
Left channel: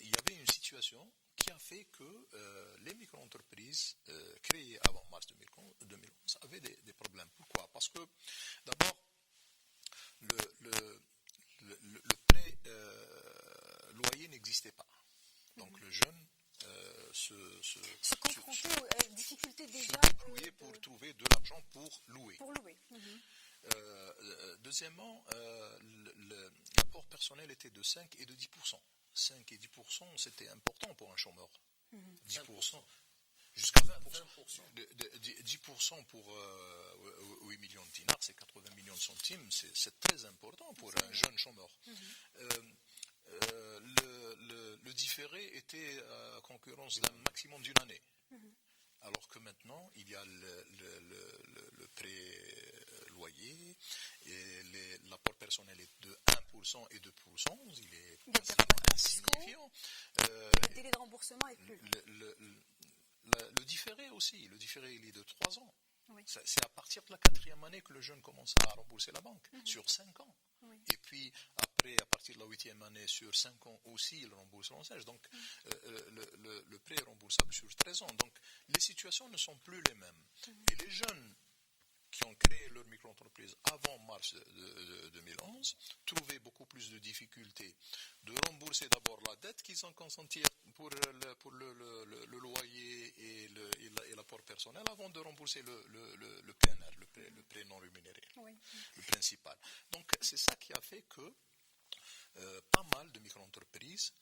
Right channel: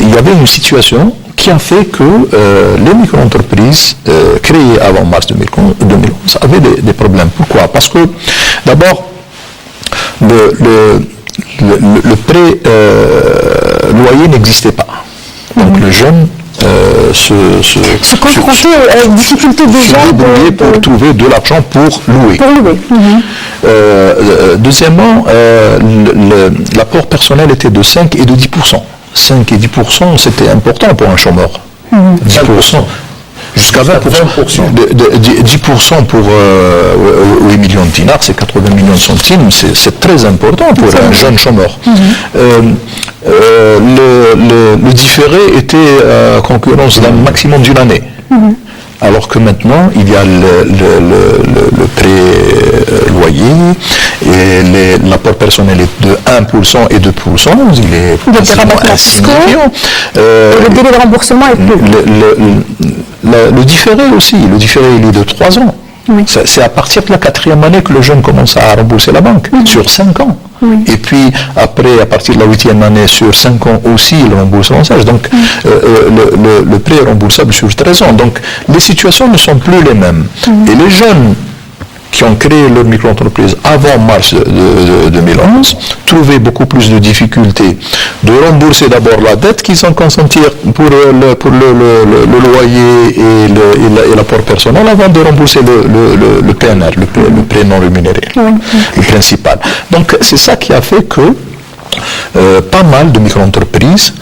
il y avait une situation qui a fait que les micro-entreprises créées avant mars 2011 avaient des problèmes. Pourquoi? Parce que d'abord, le prêt loyer n'existait pas. Donc le jeune se confronter aux difficultés déjà pour trouver de l'argent pour louer. Deuxièmement, l'apport personnel était de 5 et de 10%. 5 et 10%, c'était important pour un chômeur. 10%. Jusqu'à 20%. 10% pour 8 millions de dinars, c'est 80 millions de centimes, c'est très important pour un jeune chômeur. Le différé était à concurrence d'un maximum d'une année. Alors que maintenant, il y a le pré-loyer et l'apport personnel est de 1% et 2%, il est rabattements insignifiant. Le délai de remboursement est plus. Le différé aussi, il est de 3 ans. Oui. C'est à partir de la 4e année que le jeune commence à rembourser la banque, sur 5 ans. Oui. Et puis après, à partir de la 8e année, sur 5 ans aussi, il rembourse l'ancêtre. Donc le prêt est remboursable sur 13 ans. Donc les situations ne sont plus les mêmes. Et les jeunes qui ont créé leur micro-entreprise avant mars 2011 trouvaient beaucoup plus de difficultés de rembourser d'abord la dette qu'ils ont consentie pour le loyer et l'apport personnel avant de rembourser le PNR, le prêt non rémunéré, le principal. Donc c'est ça qui a fait que pas mal de micro-entreprises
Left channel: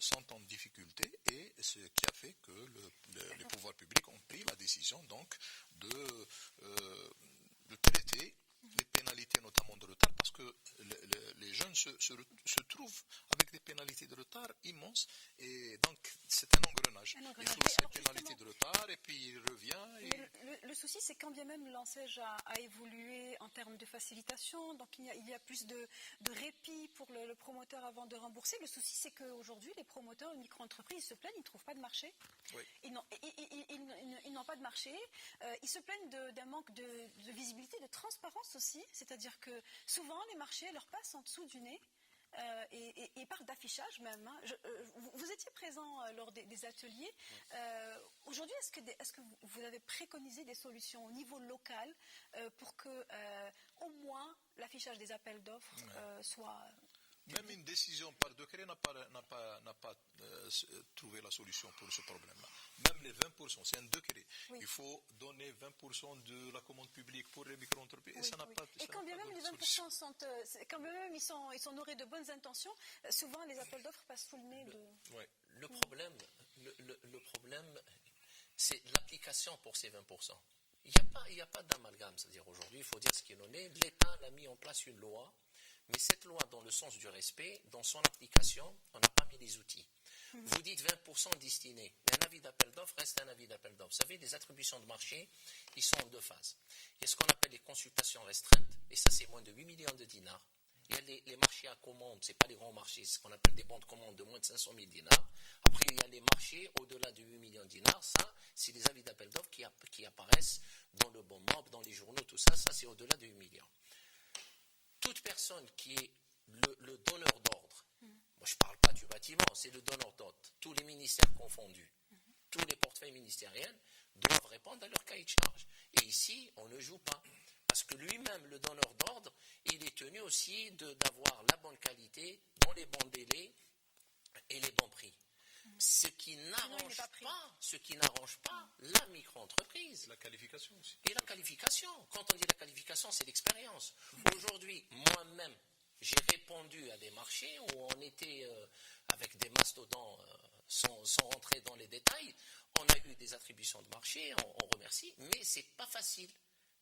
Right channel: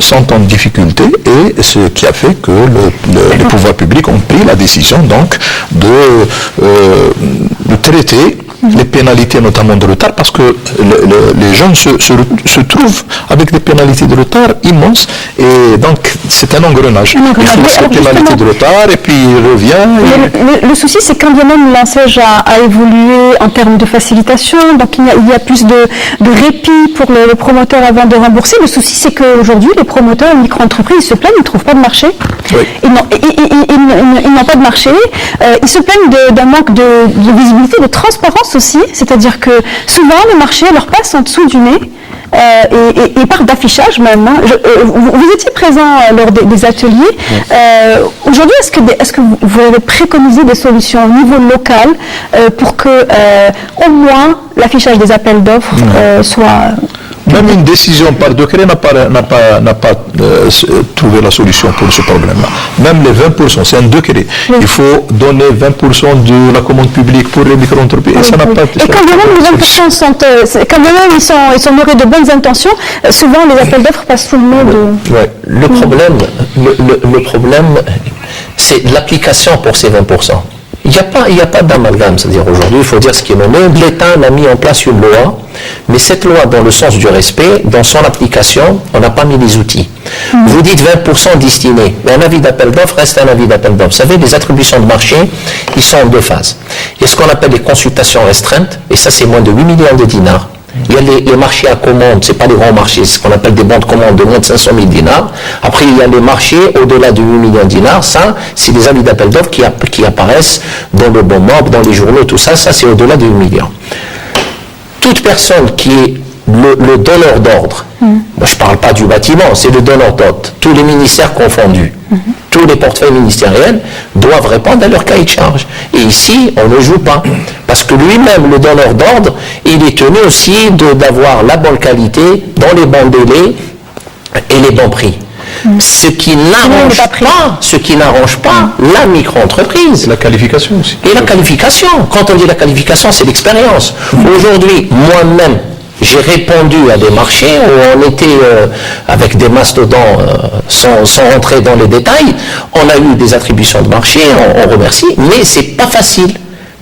sont en difficulté et ce qui a fait que les pouvoirs publics ont pris la décision donc de traiter les pénalités notamment de retard parce que les jeunes se trouvent avec des pénalités de retard immenses et donc c'est un engrenage. Il faut ces pénalités de retard et puis il revient. Le souci c'est quand bien même l'enseigne a évolué en termes de facilitation, donc il y a plus de répit pour le promoteur avant de rembourser. Le souci c'est qu'aujourd'hui les promoteurs, les micro-entreprises se plaignent, ils ne trouvent pas de marché. Oui. Ils n'ont pas de marché. Ils se plaignent d'un manque de visibilité, de transparence aussi, c'est-à-dire que souvent le marché leur passe en dessous du nez et part d'affichage même. Vous étiez présent lors des ateliers. Aujourd'hui, est-ce que vous avez préconisé des solutions au niveau local pour que au moins l'affichage des appels d'offres soit... Même une décision par décret n'a pas trouvé la solution pour ce problème-là. Même les 20%, c'est un décret. Oui. Il faut donner 20% de la commande publique pour les micro-entreprises. Oui, et ça n'a pas été. Et quand même les 20% sont, quand même ils sont nourris de bonnes intentions, souvent les appels d'offres passent sous le nez de... Ouais. Le problème, c'est l'application pour ces 20%. Il n'y a pas d'amalgame, c'est-à-dire aujourd'hui, il faut dire ce qui est nommé. L'État a mis en place une loi, mais cette loi, dans le sens du respect, dans son application, on n'a pas mis les outils. Vous dites 20% destinés, mais un avis d'appel d'offres reste un avis d'appel d'offres. Vous savez, les attributions de marché, ils sont en 2 phases. Il y a ce qu'on appelle les consultations restreintes, et ça c'est moins de 8 millions de dinars. Il y a les marchés à commande, c'est pas les grands marchés, c'est ce qu'on appelle des bons de commande de moins de 500 000 dinars. Après, il y a les marchés au-delà de 8 millions de dinars. Ça, c'est des avis d'appel d'offres qui apparaissent dans le bon mob, dans les journaux, tout ça. Ça, c'est au-delà de 8 millions. Toute personne qui est le donneur d'ordre, moi je ne parle pas du bâtiment, c'est le donneur d'ordre, tous les ministères confondus, tous les portefeuilles ministériels doivent répondre à leur cahier de charge. Et ici, on ne joue pas. Parce que lui-même, le donneur d'ordre, il est tenu aussi d'avoir la bonne qualité, dans les bons délais et les bons prix. Ce qui n'arrange pas la micro-entreprise. La qualification aussi. Et la qualification. Quand on dit la qualification, c'est l'expérience. Aujourd'hui, moi-même, j'ai répondu à des marchés où on était avec des mastodons sans rentrer dans les détails. On a eu des attributions de marché, on remercie, mais c'est pas facile.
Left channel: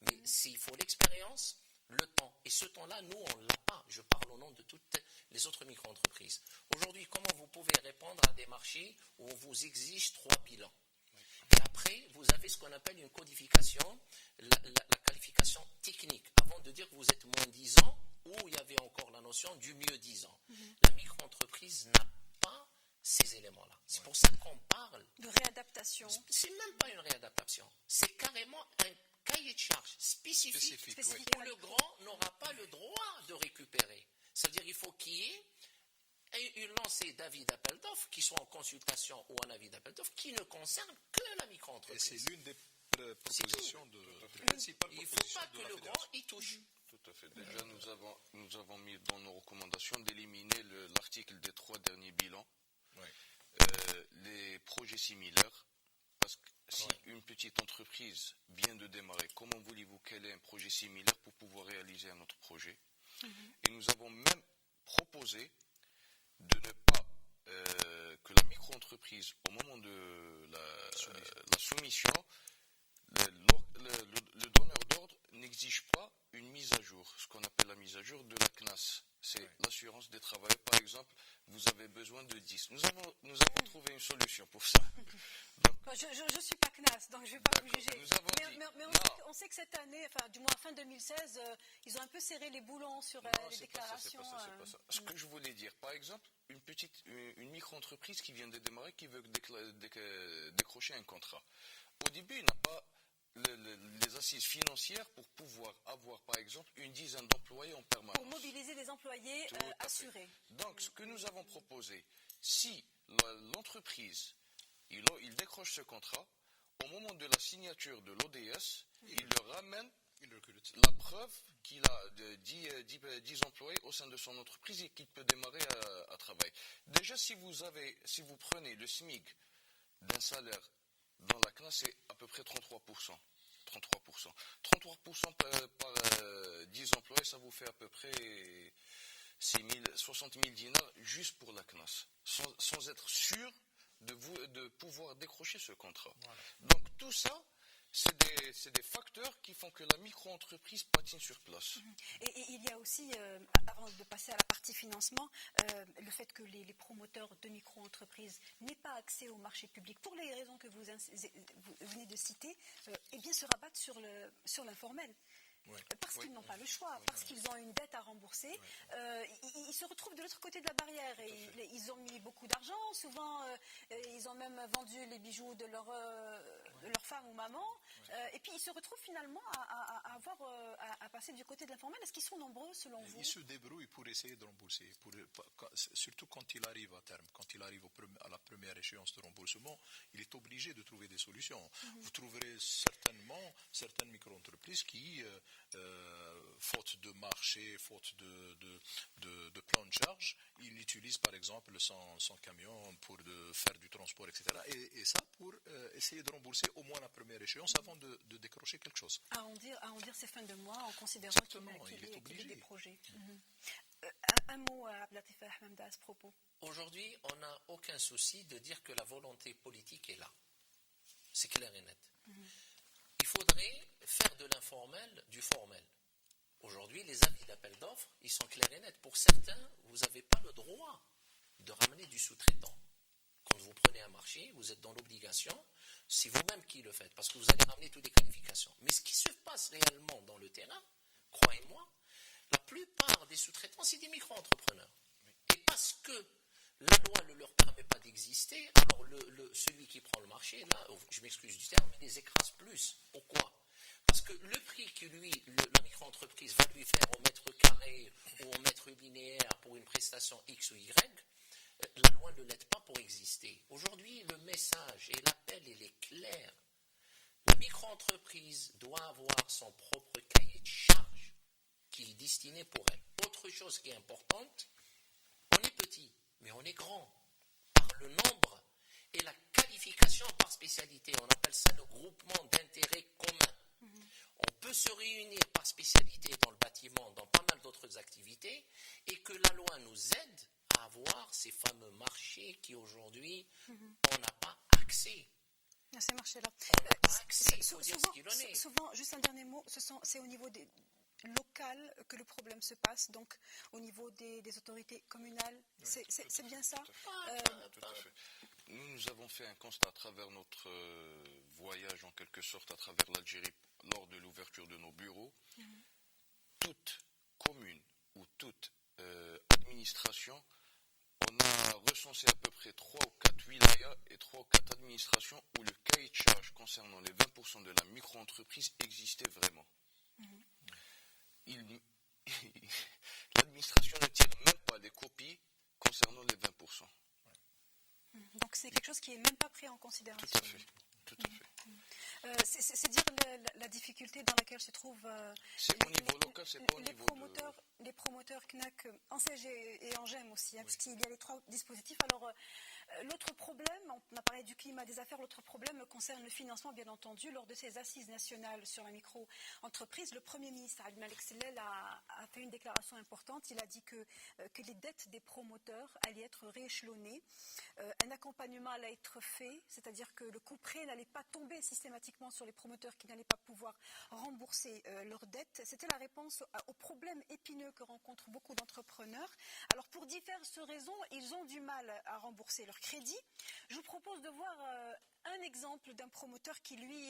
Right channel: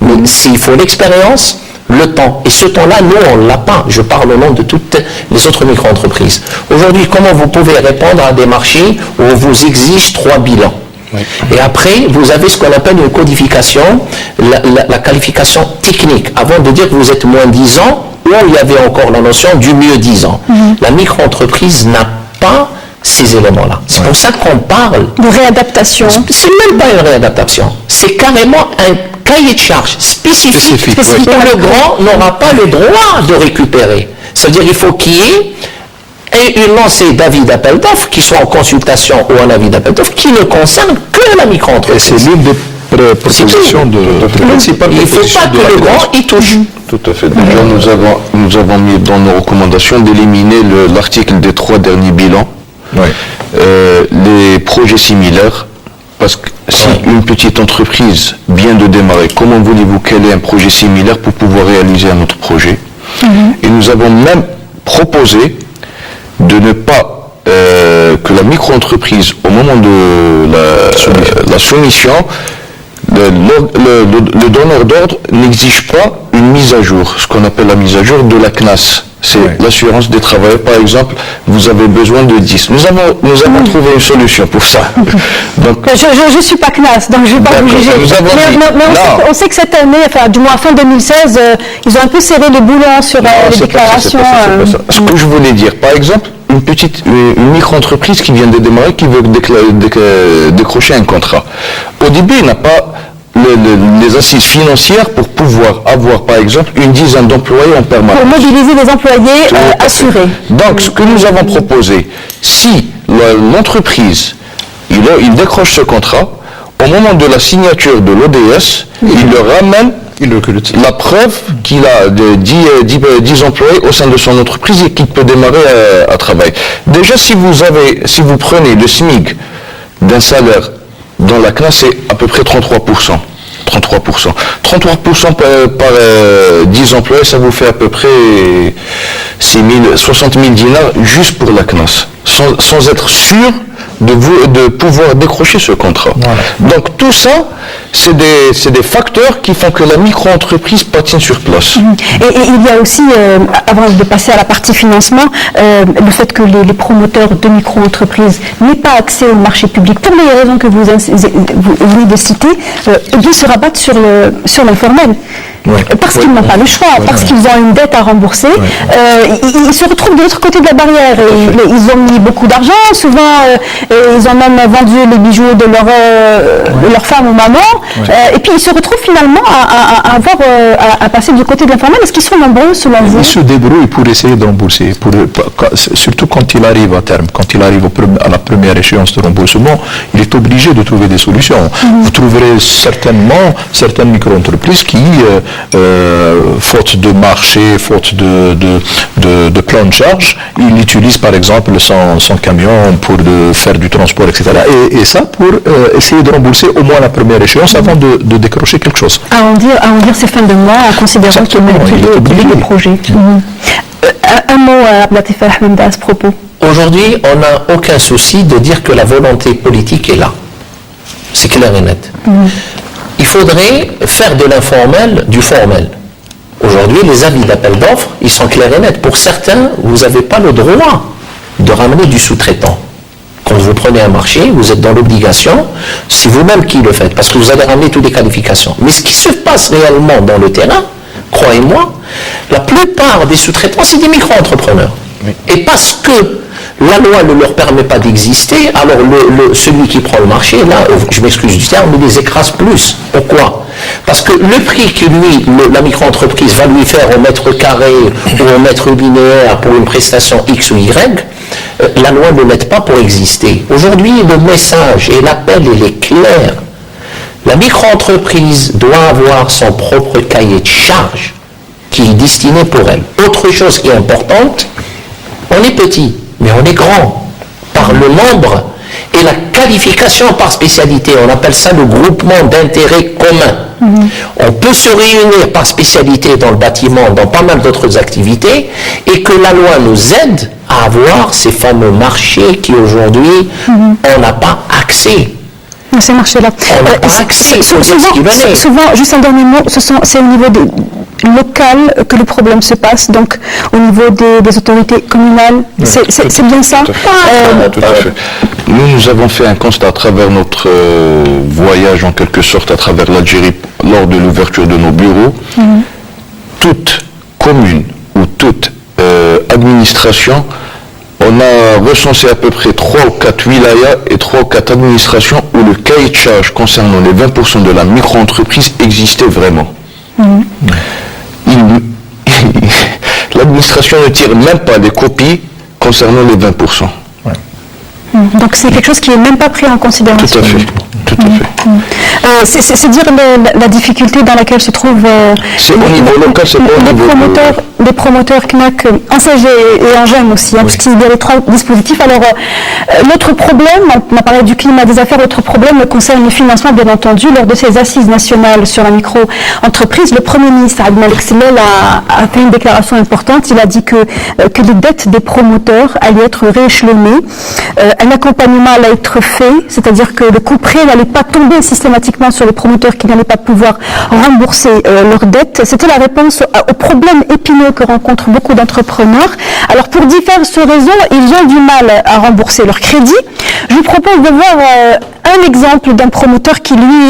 Mais il faut l'expérience, le temps. Et ce temps-là, nous, on ne l'a pas. Je parle au nom de toutes les autres micro-entreprises. Aujourd'hui, comment vous pouvez répondre à des marchés où on vous exige 3 bilans? Oui. Et après, vous avez ce qu'on appelle une codification, la qualification technique. Avant de dire que vous êtes moins 10 ans, où il y avait encore la notion du mieux 10 ans. La micro-entreprise n'a pas ces éléments-là. C'est pour ça qu'on parle de réadaptation. C'est même pas une réadaptation. C'est carrément un cahier de charge spécifique. Le grand n'aura pas le droit de récupérer. C'est-à-dire qu'il faut qu'il y ait une lancée d'avis d'appel d'offres qui soit en consultation ou en avis d'appel d'offres qui ne concerne que la micro-entreprise. C'est l'une des propositions principales. Il ne faut pas que le grand y touche. Tout à fait. Déjà, nous avons mis dans nos recommandations d'éliminer l'article des 3 derniers bilans, les projets similaires, parce que si une petite entreprise vient de démarrer, comment voulez-vous qu'elle ait un projet similaire pour pouvoir réaliser un autre projet? Et nous avons même proposé de ne pas, que la micro-entreprise, au moment de la soumission, le donneur d'ordre n'exige pas une mise à jour, ce qu'on appelle la mise à jour de la CNAS. C'est l'assurance des travailleurs. Par exemple, vous avez besoin de 10. Nous avons trouvé une solution pour ça. Donc, je ne suis pas CNAS, donc je ne vais pas vous juger. Mais on sait que cette année, enfin du moins fin 2016, ils ont un peu serré les boulons sur les déclarations. C'est pas ça. Ce que je voulais dire, par exemple, une micro-entreprise qui vient de démarrer, qui veut décrocher un contrat. Au début, il n'a pas les assises financières pour pouvoir avoir, par exemple, une dizaine d'employés en permanence. Pour mobiliser les employés assurés. Donc, ce que nous avons proposé, si l'entreprise, il décroche ce contrat, au moment de la signature de l'ODS, il le ramène la preuve qu'il a 10 employés au sein de son entreprise et qu'il peut démarrer à travailler. Déjà, si vous prenez le SMIC d'un salaire dans la classe, c'est à peu près 33%. 33% par 10 employés, ça vous fait à peu près 60 000 dinars juste pour la CNAS, sans être sûr de pouvoir décrocher ce contrat. Voilà. Donc tout ça, c'est des facteurs qui font que la micro-entreprise patine sur place. Et il y a aussi, avant de passer à la partie financement, le fait que les promoteurs de micro-entreprises n'aient pas accès au marché public, pour les raisons que vous venez de citer, eh bien se rabattent sur l'informel. Ouais. Parce qu'ils n'ont pas le choix, parce qu'ils ont une dette à rembourser. Ils se retrouvent de l'autre côté de la barrière. Et ils ont mis beaucoup d'argent, souvent ils ont même vendu les bijoux de leur femme ou maman. Et puis ils se retrouvent finalement à passer du côté de l'informel. Est-ce qu'ils sont nombreux selon vous? Ils se débrouillent pour essayer de rembourser, surtout quand il arrive à terme, quand il arrive à la première échéance de remboursement, il est obligé de trouver des solutions. Vous trouverez certainement certaines micro-entreprises qui faute de marché, faute de plan de charge, il utilise par exemple son camion pour faire du transport, etc. Et ça pour essayer de rembourser au moins la première échéance avant de décrocher quelque chose. À en dire ces fins de mois en considérant qu'il y a des projets. Un mot à Abdelatif Ahmed à ce propos. Aujourd'hui, on n'a aucun souci de dire que la volonté politique est là. C'est clair et net. Il faudrait faire de l'informel du formel. Aujourd'hui, les avis d'appel d'offres, ils sont clairs et nets. Pour certains, vous n'avez pas le droit de ramener du sous-traitant. Quand vous prenez un marché, vous êtes dans l'obligation, c'est vous-même qui le faites, parce que vous allez ramener toutes les qualifications. Mais ce qui se passe réellement dans le terrain, croyez-moi, la plupart des sous-traitants, c'est des micro-entrepreneurs. Oui. Et parce que la loi ne leur permet pas d'exister, alors celui qui prend le marché, là, je m'excuse du terme, il les écrase plus. Pourquoi? Parce que le prix que la micro-entreprise va lui faire au mètre carré ou au mètre linéaire pour une prestation X ou Y, la loi ne l'aide pas pour exister. Aujourd'hui, le message et l'appel, il est clair. La micro-entreprise doit avoir son propre cahier de charge qui est destiné pour elle. Autre chose qui est importante, on est petit. Mais on est grand par le nombre et la qualification par spécialité. On appelle ça le groupement d'intérêts communs. On peut se réunir par spécialité dans le bâtiment, dans pas mal d'autres activités, et que la loi nous aide à avoir ces fameux marchés qui aujourd'hui, on n'a pas accès. Ces marchés-là. On n'a pas accès. Souvent, juste un dernier mot, c'est au niveau local que le problème se passe, donc au niveau des autorités communales, c'est bien ça? Tout à fait. Nous avons fait un constat à travers notre voyage, en quelque sorte, à travers l'Algérie, lors de l'ouverture de nos bureaux. Toute commune ou toute administration, on a recensé à peu près 3 ou 4 wilayas et 3 ou 4 administrations où le cahier de charge concernant les 20% de la micro-entreprise existait vraiment. L'administration ne tire même pas des copies concernant les 20%. Donc c'est quelque chose qui n'est même pas pris en considération. Tout à fait. tout à fait. C'est dire la difficulté dans laquelle se trouvent c'est au niveau local, c'est pas au niveau les promoteurs CNAC en CG et en GEM aussi, hein, puisqu'il y a les trois dispositifs. Alors, l'autre problème, on a parlé du climat des affaires, l'autre problème concerne le financement, bien entendu. Lors de ces assises nationales sur la micro-entreprise, le Premier ministre Abdel Malek Sellel a fait une déclaration importante. Il a dit que les dettes des promoteurs allaient être rééchelonnées. Un accompagnement allait être fait, c'est-à-dire que le coup près n'allait pas tomber systématiquement sur les promoteurs qui n'allaient pas pouvoir rembourser leurs dettes. C'était la réponse aux problèmes épineux que rencontrent beaucoup d'entrepreneurs. Alors pour diverses raisons, ils ont du mal à rembourser leurs crédits. Je vous propose de voir un exemple d'un promoteur qui, lui,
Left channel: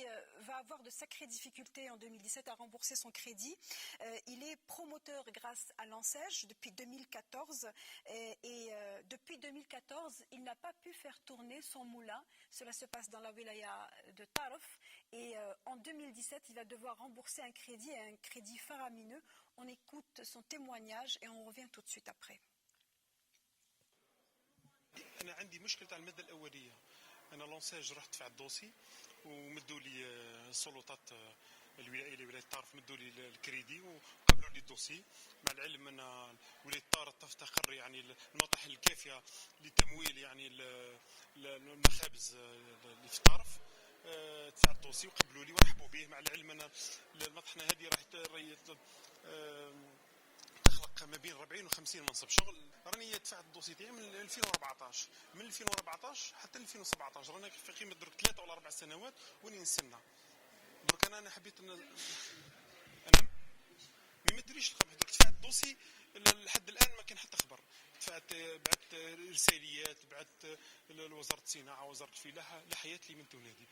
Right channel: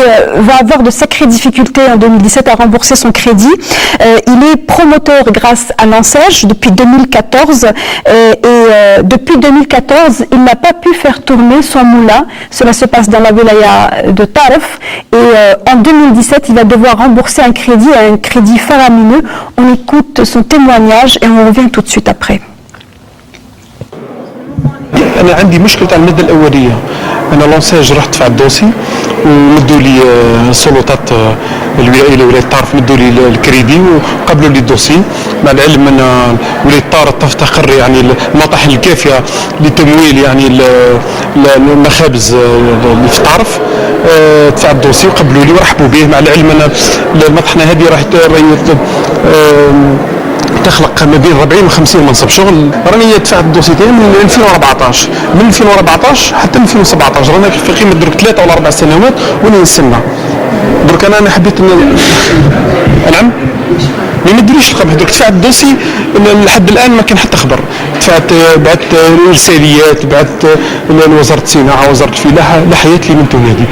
va avoir de sacrées difficultés en 2017 à rembourser son crédit. Il est promoteur grâce à l'ANSEJ depuis 2014 et depuis 2014, il n'a pas pu faire tourner son moulin. Cela se passe dans la wilaya de Tarf et en 2017, il va devoir rembourser un crédit faramineux. On écoute son témoignage et on revient tout de suite après. أنا عندي مشكلة على المادة الأولية. أنا لونساج رحت دفعت الدوسي ومدوا لي سلطات الولاية ولاية طارف مدوا لي الكريدي وقبلوا لي الدوسي. مع العلم أن ولاية طارف تفتقر يعني المطاحن الكافية لتمويل يعني المخابز اللي في طارف. دفعت الدوسي وقبلوا لي ورحبوا به. مع العلم أن المطحنة هذه راح تخلق ما بين 40 و 50 منصب شغل. راني دفعت الدوسي تاعي من 2014 من 2014 حتى 2017 رانا في قيمه درك 3 ولا 4 سنوات وانا نستنى. درك انا حبيت نعم ما يديريش القمح. درك دفعت الدوسي لحد الان ما كان حتى خبر. دفعت بعت رساليات بعت لوزاره الصناعه وزاره الفلاحه لحياتي من تونادي.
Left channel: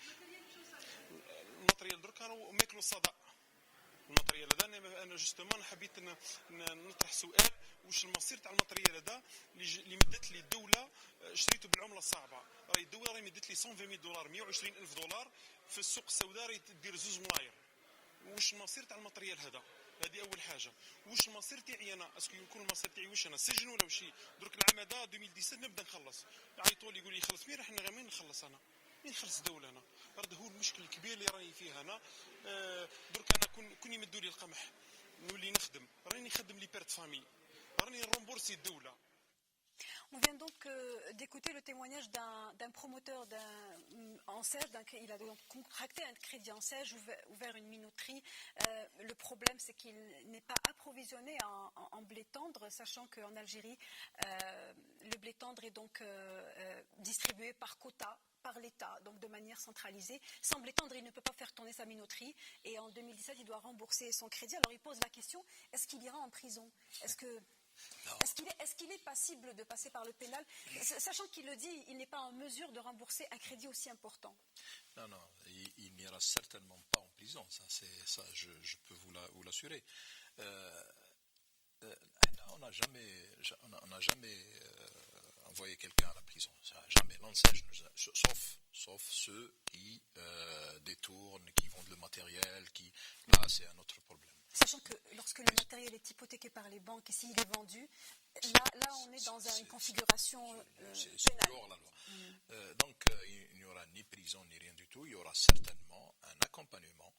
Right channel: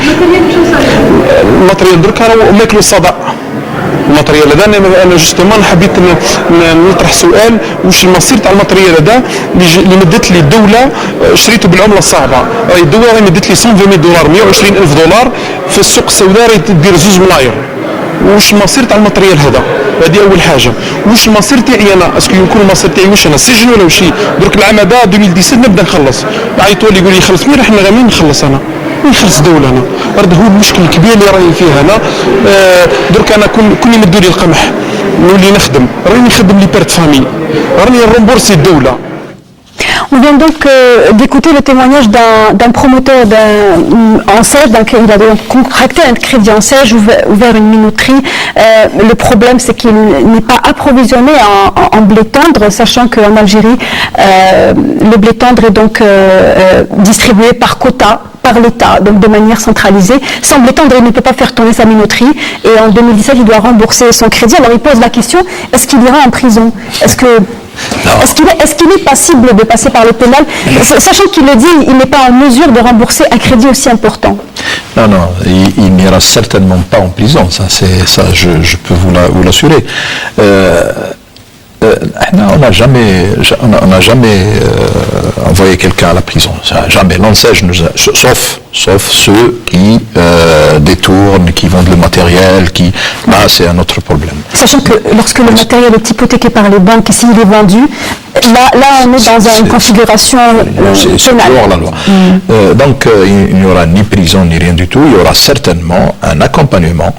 الماتريال درك انا ماكلوا الصدى الماتريال هذا. انا جوستومون حبيت نطرح سؤال واش المصير تاع الماتريال هذا اللي مدت لي الدوله شريته بالعمله الصعبه. راهي الدوله راهي مدت لي 120 دولار 120 الف دولار في السوق السوداء راهي تدير 2 ملاير. واش المصير تاع الماتريال هذا؟ هذه اول حاجه. واش المصير تاعي انا؟ اسكو يكون المصير تاعي واش انا السجن ولا وشي؟ درك العام هذا 2017 نبدا نخلص. عيطوا لي يقول لي خلص مين راح نغامين نخلص انا نخلص دولة أنا. هذا هو المشكل الكبير اللي راهي فيه أنا. درك أنا كون يمدوا لي القمح نولي نخدم راني نخدم لي بيرت فامي راني نرومبورسي الدولة. On vient donc d'écouter le témoignage d'un promoteur en SEJ. Il a donc contracté un crédit en SEJ, ouvert une minoterie. Le problème, c'est qu'il n'est pas approvisionné en blé tendre, sachant qu'en Algérie, le blé tendre est donc distribué par quota, par l'État, donc de manière centralisée. Sans blé tendre, il ne peut pas faire tourner sa minoterie. Et en 2017, il doit rembourser son crédit. Alors il pose la question, est-ce qu'il ira en prison? Est-ce qu'il est passible de passer par le pénal, sachant qu'il le dit, il n'est pas en mesure de rembourser un crédit aussi important? Non, il n'ira certainement pas en prison, ça je peux vous l'assurer. On n'a jamais envoyé quelqu'un à la prison, jamais. L'ANSEJ sauf ceux qui détournent, qui vendent le matériel, là c'est un autre problème. Sachant que lorsque le matériel est hypothéqué par les banques et s'il est vendu, là on est dans une configuration pénale. C'est hors la loi. Donc il n'y aura ni prison ni rien du tout, il y aura certainement un accompagnement.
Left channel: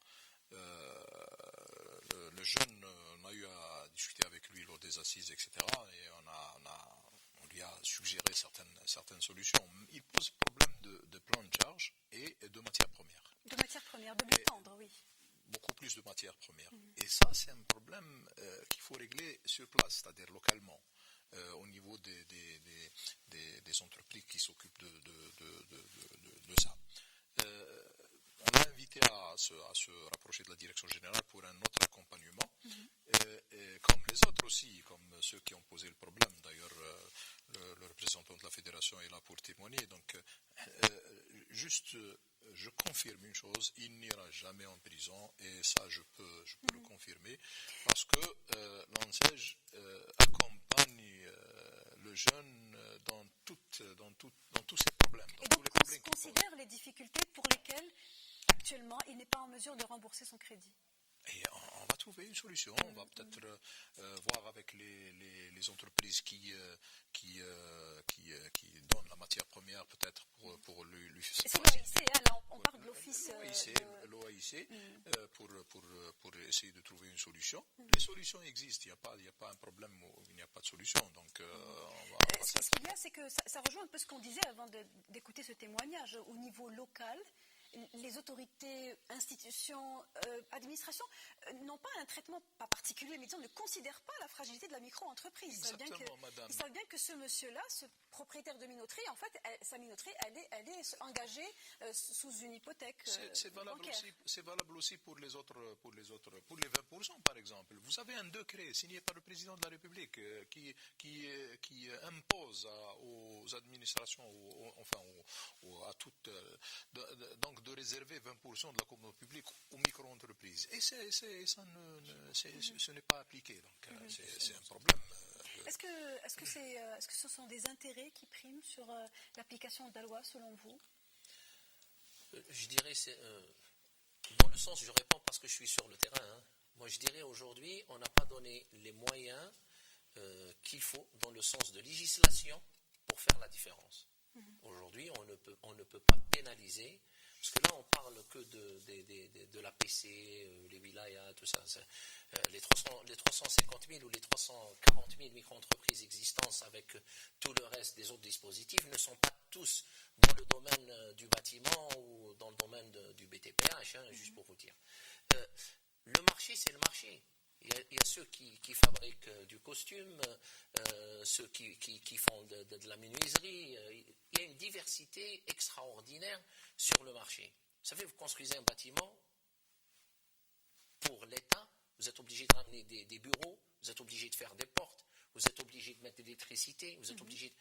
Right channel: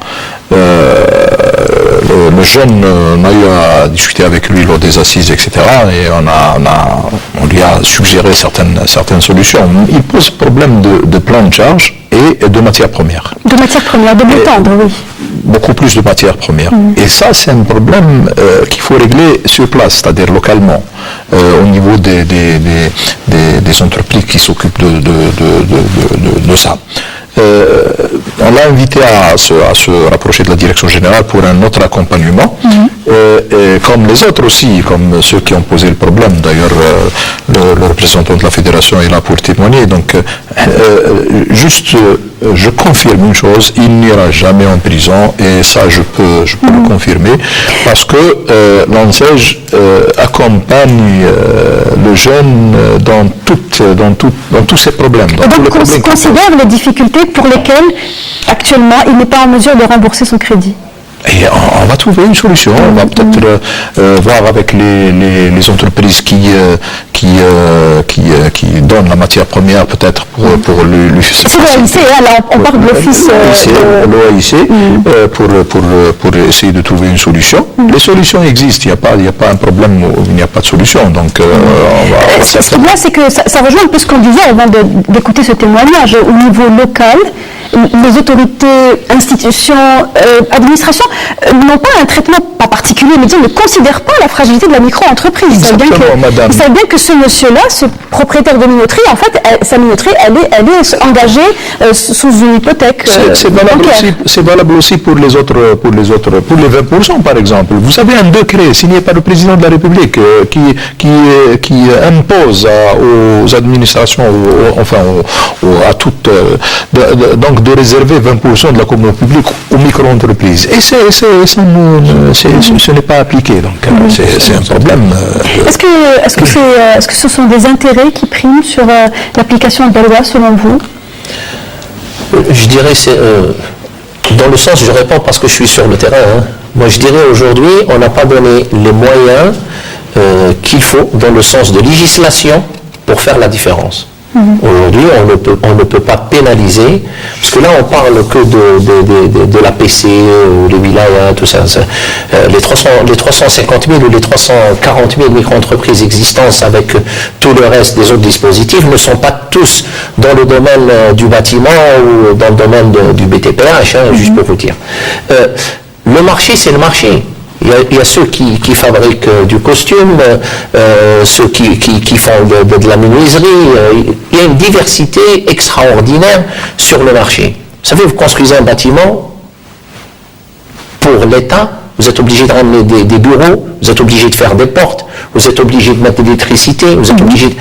Le jeune, on a eu à discuter avec lui lors des assises, etc. Et on lui a suggéré certaines solutions. Il pose problème de plan de charge et de matières premières. De matières premières, de blé tendre, oui. Beaucoup plus de matières premières. Et ça, c'est un problème qu'il faut régler sur place, c'est-à-dire localement, au niveau des entreprises qui s'occupent de ça. On l'a invité à se rapprocher de la direction générale pour un autre accompagnement, et comme les autres aussi, comme ceux qui ont posé le problème. D'ailleurs, le représentant de la fédération est là pour témoigner. Donc, je confirme une chose, il n'ira jamais en prison, et ça je peux le confirmer, parce que l'ANSEJ accompagne le jeune dans tous ces problèmes. Donc considère les difficultés pour lesquelles actuellement il n'est pas en mesure de rembourser son crédit. Et on va trouver une solution. On va peut-être voir avec les entreprises qui donnent la matière première peut-être pour le c'est l'OAIC, là on parle de l'office l'OAIC pour essayer de trouver une solution. Les solutions existent, il n'y a pas un problème où il n'y a pas de solution. Donc on va ce qui est bien, c'est que ça rejoint un peu ce qu'on disait avant d'écouter ce témoignage. Au niveau local, les autorités, institutions, administrations n'ont pas un traitement pas particulier, mais disons, ne considèrent pas la fragilité de la micro-entreprise. Ils savent bien que ce monsieur-là, ce propriétaire de minoterie, en fait, sa minoterie, elle est engagée sous une hypothèque c'est valable aussi pour les 20% par exemple. Vous avez un décret signé par le président de la République qui impose aux administrations, à toutes, donc de réserver 20% de la commande publique aux micro-entreprises. Et ce n'est pas appliqué, donc c'est un problème. Est-ce que ce sont des intérêts qui priment sur l'application de la loi, selon vous? Je dirais, dans le sens, je réponds parce que je suis sur le terrain. Moi, je dirais aujourd'hui, on n'a pas donné les moyens qu'il faut dans le sens de législation pour faire la différence. Aujourd'hui, on ne peut pas pénaliser, parce que là, on parle que de la PC, les wilayas, tout ça. Les 350 000 ou les 340 000 micro-entreprises existantes avec tout le reste des autres dispositifs ne sont pas tous dans le domaine du bâtiment ou dans le domaine du BTPH, juste pour vous dire. Le marché, c'est le marché. Il y a ceux qui fabriquent du costume, ceux qui font de la menuiserie. Il y a une diversité extraordinaire sur le marché. Vous savez, vous construisez un bâtiment pour l'État, vous êtes obligé de ramener des bureaux, vous êtes obligé de faire des portes, vous êtes obligé de mettre de l'électricité, vous êtes obligé de...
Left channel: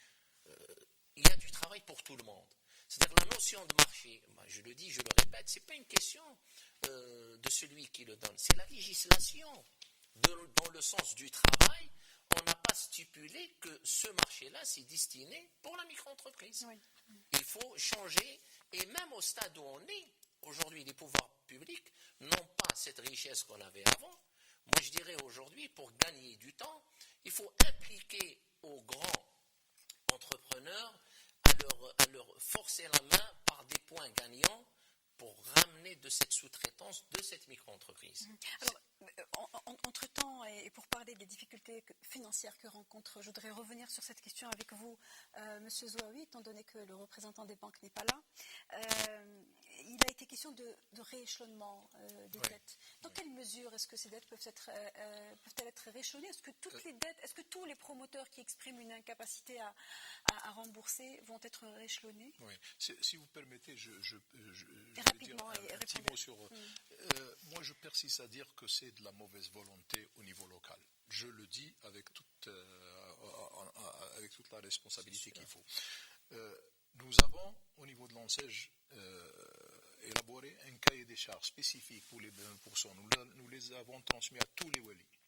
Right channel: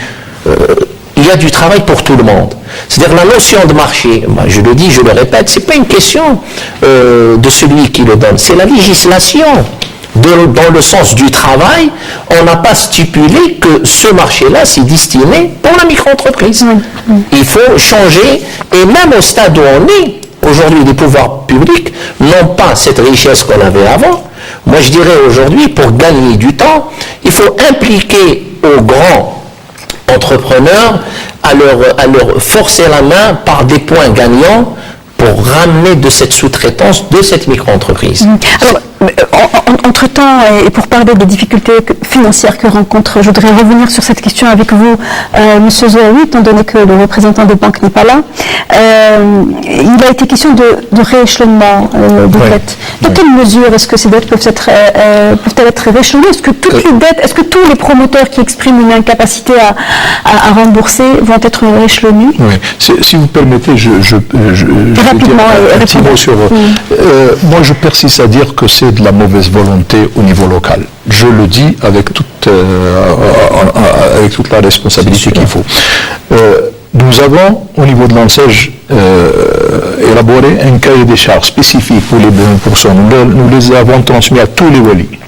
il y a du travail pour tout le monde. C'est-à-dire la notion de marché, moi je le dis, je le répète, c'est pas une question de celui qui le donne, c'est la législation. Dans le sens du travail, on n'a pas stipulé que ce marché-là, c'est destiné pour la micro-entreprise. Il faut changer, et même au stade où on est, aujourd'hui, les pouvoirs publics n'ont pas cette richesse qu'on avait avant. Moi, je dirais aujourd'hui, pour gagner du temps, il faut impliquer aux grands entrepreneurs à leur forcer la main par des points gagnants pour ramener de cette sous-traitance de cette micro-entreprise. Alors, entre-temps, et pour parler des difficultés financières que rencontre, je voudrais revenir sur cette question avec vous, M. Zohaoui, étant donné que le représentant des banques n'est pas là. Il a été question de rééchelonnement des dettes. De quelle mesure est-ce que ces dettes peuvent-elles être rééchelonnées? Est-ce que toutes les dettes, est-ce que tous les promoteurs qui expriment une incapacité à rembourser vont être rééchelonnés? Oui. Si vous permettez, je rapidement, un petit mot sur... moi, je persiste à dire que c'est de la mauvaise volonté au niveau local. Je le dis avec toute la responsabilité qu'il faut. Nous avons, au niveau de l'ANSEJ, élaboré un cahier des charges spécifique pour les 20%. Nous les avons transmis à tous les walis.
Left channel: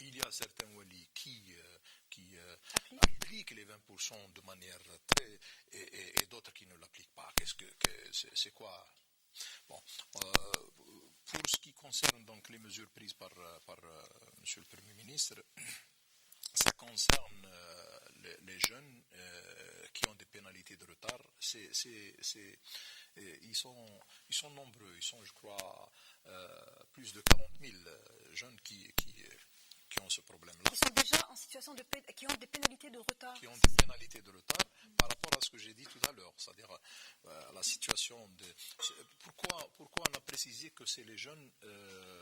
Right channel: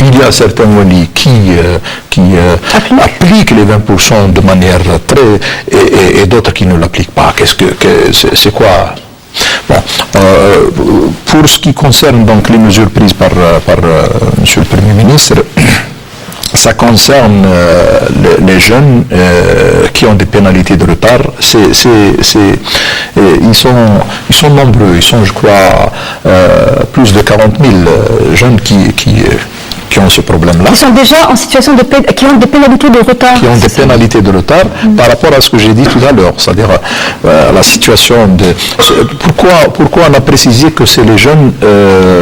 Il y a certains walis qui appliquent les 20% de manière et d'autres qui ne l'appliquent pas. C'est quoi? Bon, pour ce qui concerne donc les mesures prises par Monsieur le Premier ministre, ça concerne les jeunes qui ont des pénalités de retard. Ils sont nombreux. Ils sont, je crois, plus de 40 000 jeunes qui ont ce problème-là. Qui sont déjà en situation qui ont des pénalités de retard. Qui ont des pénalités de retard par rapport à ce que j'ai dit tout à l'heure, c'est-à-dire la situation de... Pourquoi on a précisé que c'est les jeunes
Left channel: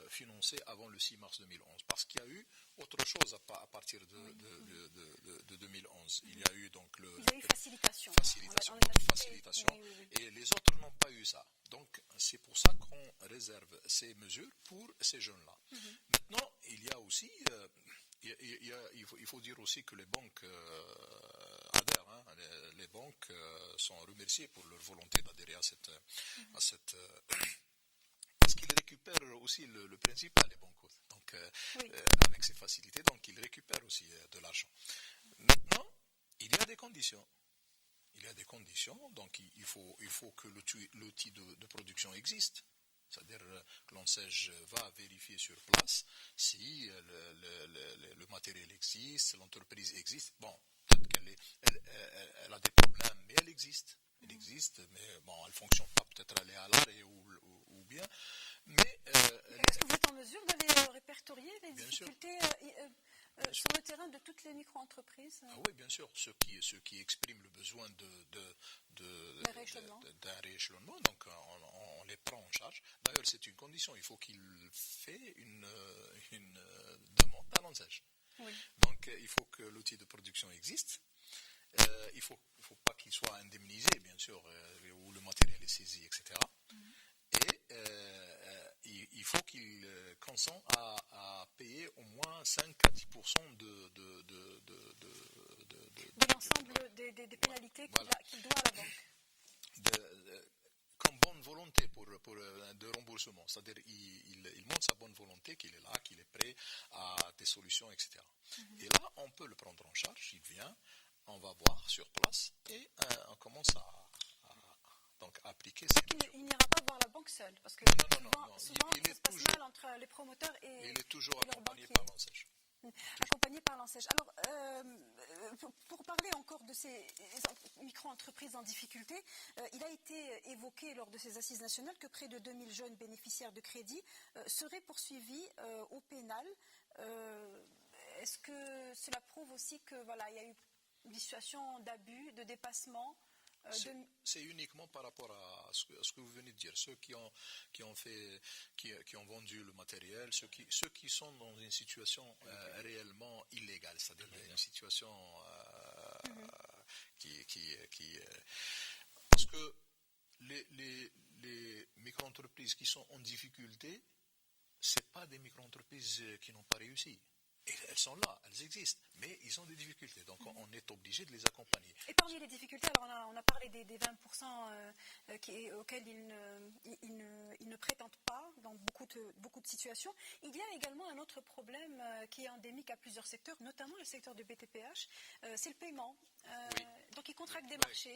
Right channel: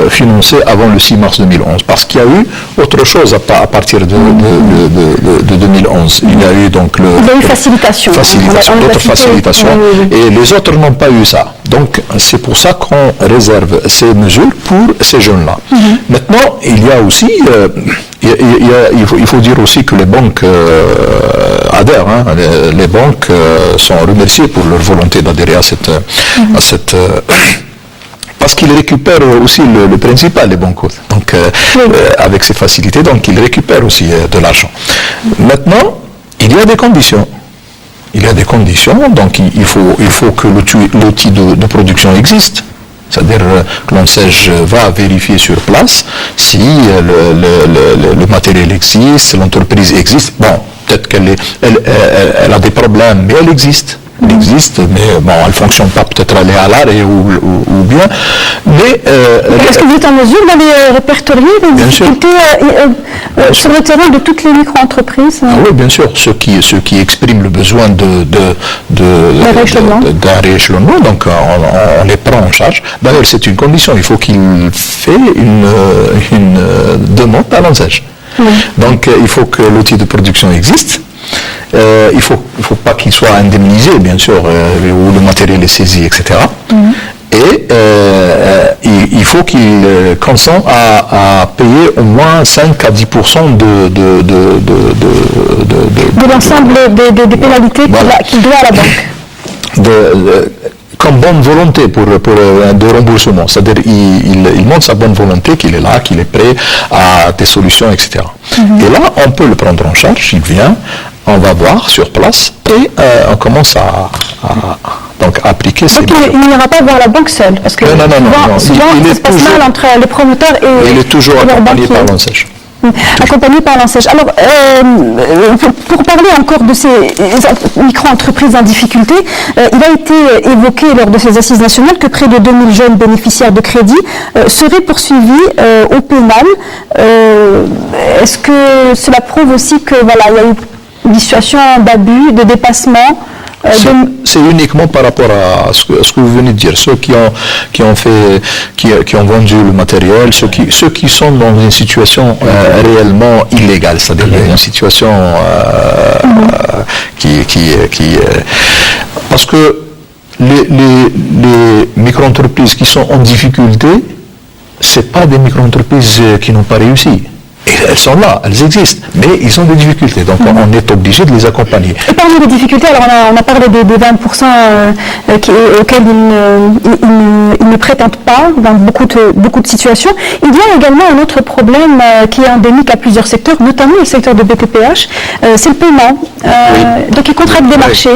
financés avant le 6 mars 2011? Parce qu'il y a eu autre chose à partir de 2011. Il y a eu donc d'autres facilitations, et les autres n'ont pas eu ça. Donc c'est pour ça qu'on réserve ces mesures pour ces jeunes-là. Maintenant, il y a aussi... il faut dire aussi que les banques adhèrent. Les banques sont remerciées pour leur volonté d'adhérer à cette parce qu'ils récupèrent aussi le principal, les banques. Donc, avec ces facilités, donc ils récupèrent aussi de l'argent. Maintenant, il y a des conditions. Donc il faut que l'outil de production existe. C'est-à-dire que l'ONSEJ va vérifier sur place si le matériel existe, l'entreprise existe. Bon, peut-être qu'elle a des problèmes, mais elle existe. Elle existe, mais bon, elle ne fonctionne pas, peut-être elle est à l'arrêt ou bien. Mais est-ce que vous êtes en mesure d'aller répertorier les difficultés sur le terrain de toutes les micro-entreprises? Oui, bien sûr. Ceux qui expriment le besoin d'un rééchelonnement, donc on les prend en charge. D'ailleurs, c'est une condition. Il faut qu'il fait une demande à l'ONSEJ. Donc, il faut que l'outil de production existe. Il ne faut pas qu'il soit indemnisé, bien sûr, où le matériel est saisi, etc. Et il faut qu'il consente à payer au moins 5 à 10% de l'ensemble des pénalités qu'il doit à la banque. Comme bonne volonté de remboursement. C'est-à-dire il montre sa bonne volonté, qu'il est là, qu'il est prêt à des solutions, etc. Et là, on peut le prendre en charge, il vient, on va voir sur place et on commence à appliquer ces mesures. Donc il n'ira pas voir la banque seule, parce que souvent ça se passe mal entre les promoteurs et il est toujours accompagné par l'ONSEJ. Accompagné par l'ONSEJ. Alors, pour parler encore de ces micro-entreprises en difficulté, il a été évoqué lors de ces assises nationales que près de 2000 jeunes bénéficiaires de crédit seraient poursuivis au pénal. Est-ce que cela prouve aussi que il y a eu une situation d'abus, de dépassement? C'est uniquement par rapport à ce que vous venez de dire, ceux qui ont vendu le matériel, ceux qui sont dans une situation réellement illégale, c'est-à-dire une situation parce que les micro-entreprises qui sont en difficulté, c'est pas des micro-entreprises qui n'ont pas réussi. Et elles sont là, elles existent, mais ils ont des difficultés, donc on est obligé de les accompagner. Et parmi les difficultés, alors on a parlé des 20% auxquels ils ne prétendent pas dans beaucoup de situations. Il y a également un autre problème qui est endémique à plusieurs secteurs, notamment le secteur de BPPH, c'est le paiement. Donc ils contractent des marchés.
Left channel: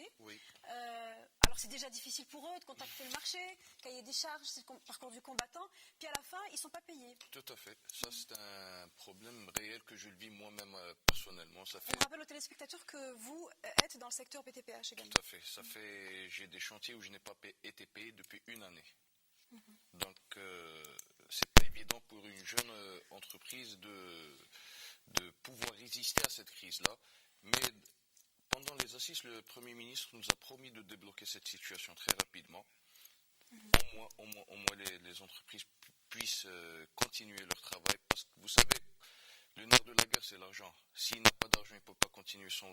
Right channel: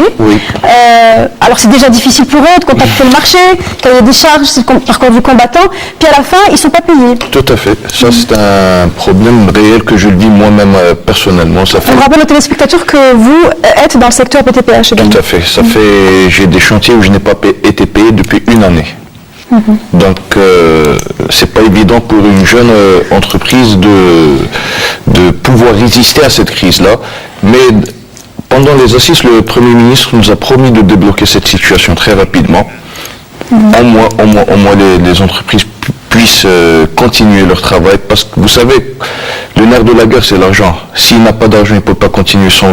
Alors c'est déjà difficile pour eux de contacter le marché, cahier des charges, c'est le parcours du combattant, puis à la fin, ils ne sont pas payés. Tout à fait. Ça, c'est un problème réel que je le vis moi-même personnellement. On rappelle aux téléspectateurs que vous êtes dans le secteur BTPH également. Tout à fait. J'ai des chantiers où je n'ai pas été payé depuis une année. Donc, c'est pas évident pour une jeune entreprise de pouvoir résister à cette crise-là. Mais pendant les assises, le Premier ministre nous a promis de débloquer cette situation très rapidement. Au moins les entreprises puissent continuer leur travail, parce que vous savez, le nerf de la guerre, c'est l'argent. S'il n'a pas d'argent, il ne peut pas continuer son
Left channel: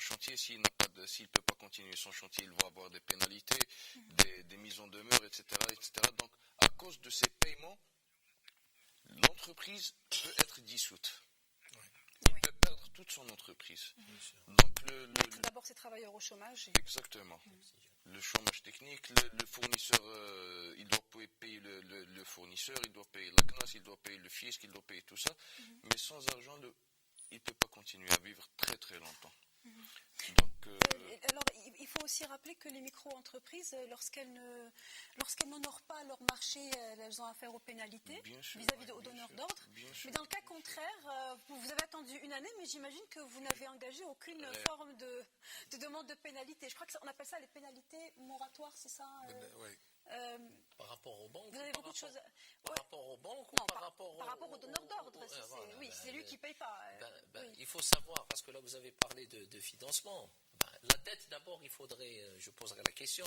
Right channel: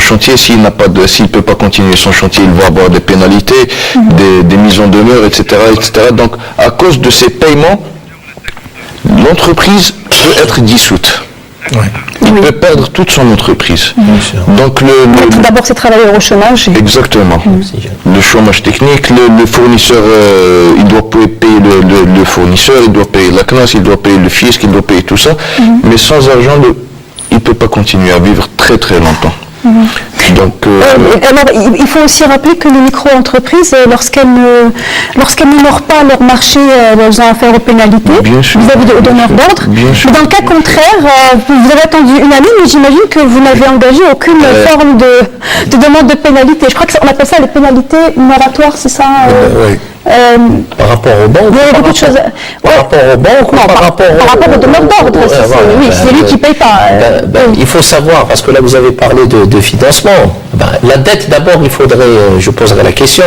chantier. S'il ne peut pas continuer son chantier, il va avoir des pénalités, des mises en demeure, etc., etc. Donc, à cause de ces paiements, l'entreprise peut être dissoute. Il peut perdre toute son entreprise. Donc d'abord, c'est travailleurs au chômage. Exactement. Le chômage technique, le fournisseur, il doit payer le fournisseur, il doit payer la CNAS, il doit payer le fisc, il doit payer tout ça. Mais sans argent, il ne peut pas continuer à vivre très très longtemps. Donc, alors, il faut aussi rappeler que les micro-entreprises, lorsqu'elles n'honorent pas leur marché, elles ont affaire aux pénalités vis-à-vis de donneurs d'ordre. Dans le cas contraire, vous avez attendu une année, mais j'imagine que vous n'avez engagé aucune forme de demande de pénalité. Je crois qu'on appelle ça les pénalités moratoires, c'est ça oui. Par rapport aux banques, il y a beaucoup de choses. Par rapport aux banques, non, par rapport au donneur d'ordre, c'est lui qui ne paye pas. Il faut savoir, parce que là vous avez parlé de financement. La dette d'abord, il faudrait, je poserai la question.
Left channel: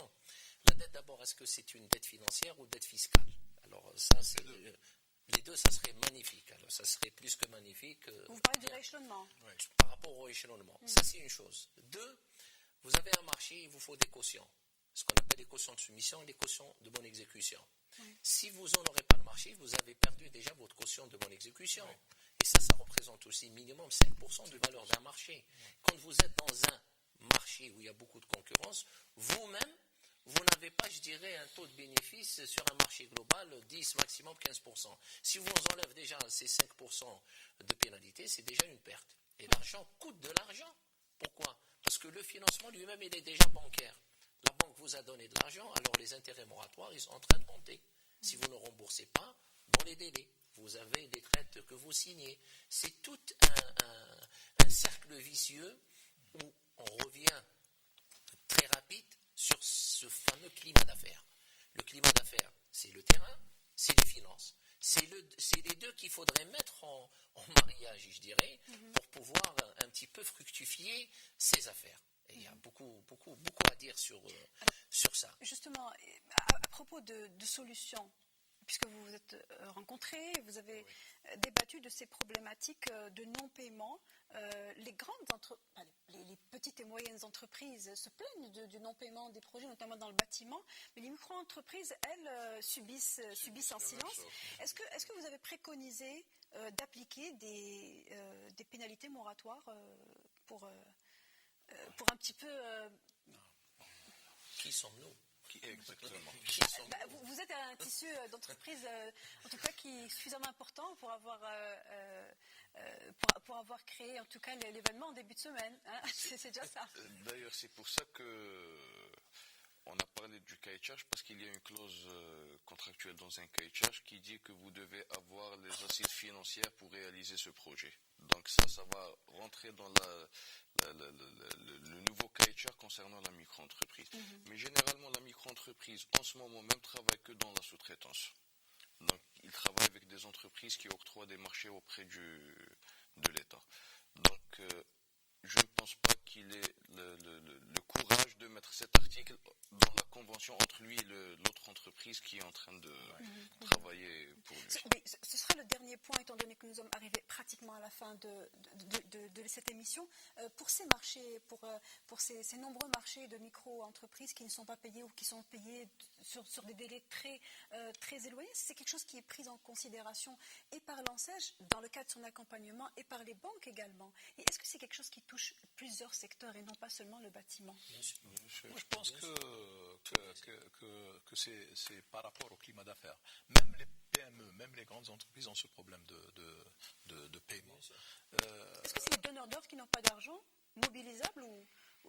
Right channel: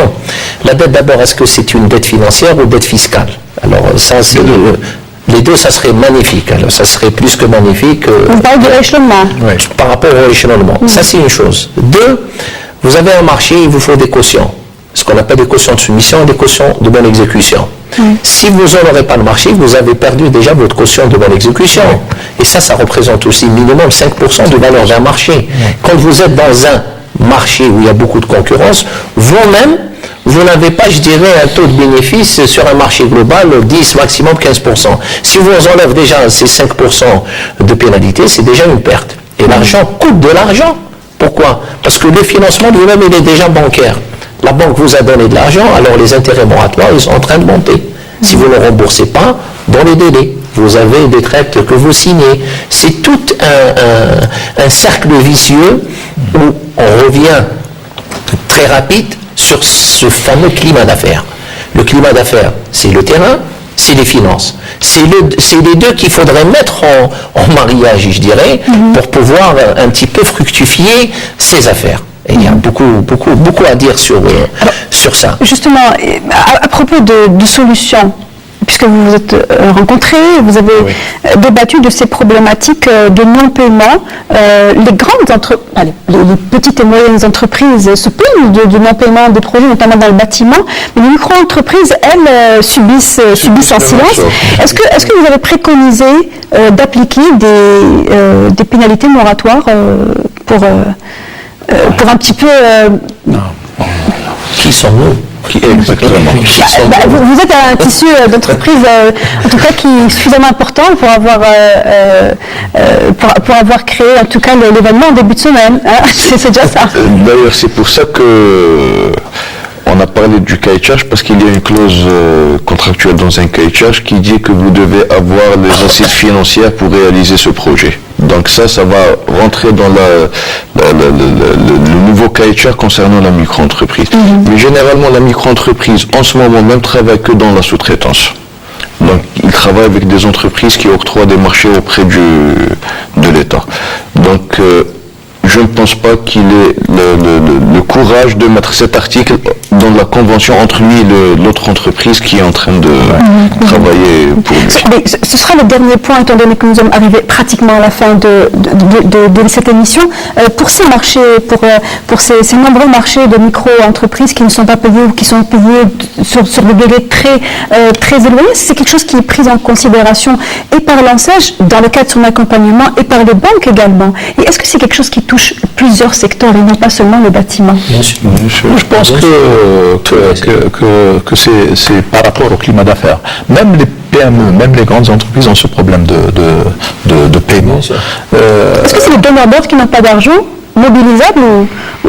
La dette d'abord, est-ce que c'est une dette financière ou dette fiscale? Alors ça, c'est les deux, ça serait magnifique. Alors ça serait plus que magnifique. On parle de l'échelonnement. Par rapport au échelonnement. Ça, c'est une chose. Deux, vous avez un marché, il vous faut des cautions. Ce qu'on appelle des cautions de soumission et des cautions de bonne exécution. Si vous n'aurez pas le marché, vous avez perdu déjà votre caution de bonne exécution. Et ça représente aussi minimum 5% de valeur d'un marché. Quand vous êtes dans un marché où il y a beaucoup de concurrence, vous-même, vous n'avez pas, je dirais, un taux de bénéfice sur un marché global 10, maximum 15%. Si vous enlève déjà ces 5% de pénalité, c'est déjà une perte. Et l'argent coûte de l'argent. Pourquoi? Parce que le financement lui-même, il est déjà bancaire. La banque vous a donné de l'argent, alors les intérêts moratoires, ils sont en train de monter. Si vous ne remboursez pas, dans les délais, vous avez des traites que vous signez. C'est tout un cercle vicieux où on revient très rapide sur ce fameux climat d'affaires. Le climat d'affaires, c'est le terrain, c'est les finances. C'est les deux qu'il faudrait mettre en mariage, je dirais, pour pouvoir un petit peu fructifier ces affaires. Et il y a beaucoup à dire sur ça. Justement, à propos de solutions, puisque vous vous êtes rencontrés, vous avez débattu de ces problématiques de non-paiement. Les petites et moyennes entreprises se plaignent du non-paiement des projets, notamment dans le bâtiment, mais les micro-entreprises, elles, subissent en silence. Est-ce que vous avez préconisé d'appliquer des pénalités moratoires pour un petit peu... Non. Qui sont-nous? Exactement. Vous êtes un tissu d'entreprise, en tout cas, qui est suffisamment important pour avoir créé, en tout cas, l'événement en début de semaine. Hein. C'est déjà ça. D'ailleurs, c'est pour ça que on a parlé du cahier de charge, parce qu'il y a une clause contractuelle dans un cahier de charge qui dit que vous devez avoir les assises financières pour réaliser ce projet. Donc ça va rentrer dans le nouveau cahier de charge concernant la micro-entreprise. Mais généralement, la micro-entreprise, en ce moment même, travaille que dans la sous-traitance. Donc, il travaille avec des entreprises qui octroient des marchés auprès de l'État. Donc, je ne pense pas qu'il ait le courage de mettre cet article dans la convention entre lui et l'autre entreprise qui est en train de travailler pour lui. Ce sera le dernier point, étant donné que nous sommes arrivés pratiquement à la fin de cette émission. Pour ces marchés, pour ces nombreux marchés de micro-entreprises qui ne sont pas payés ou qui sont payés sur des délais très éloignés, c'est quelque chose qui est pris en considération et par l'ANSEJ, dans le cadre de son accompagnement, et par les banques également. Et est-ce que c'est quelque chose qui touche plusieurs secteurs et non pas seulement le bâtiment? Je pense que c'est par rapport au climat d'affaires. Même les PME, même les grandes entreprises ont ce problème de paiement. Est-ce que c'est les donneurs d'ordre qui n'ont pas d'argent mobilisable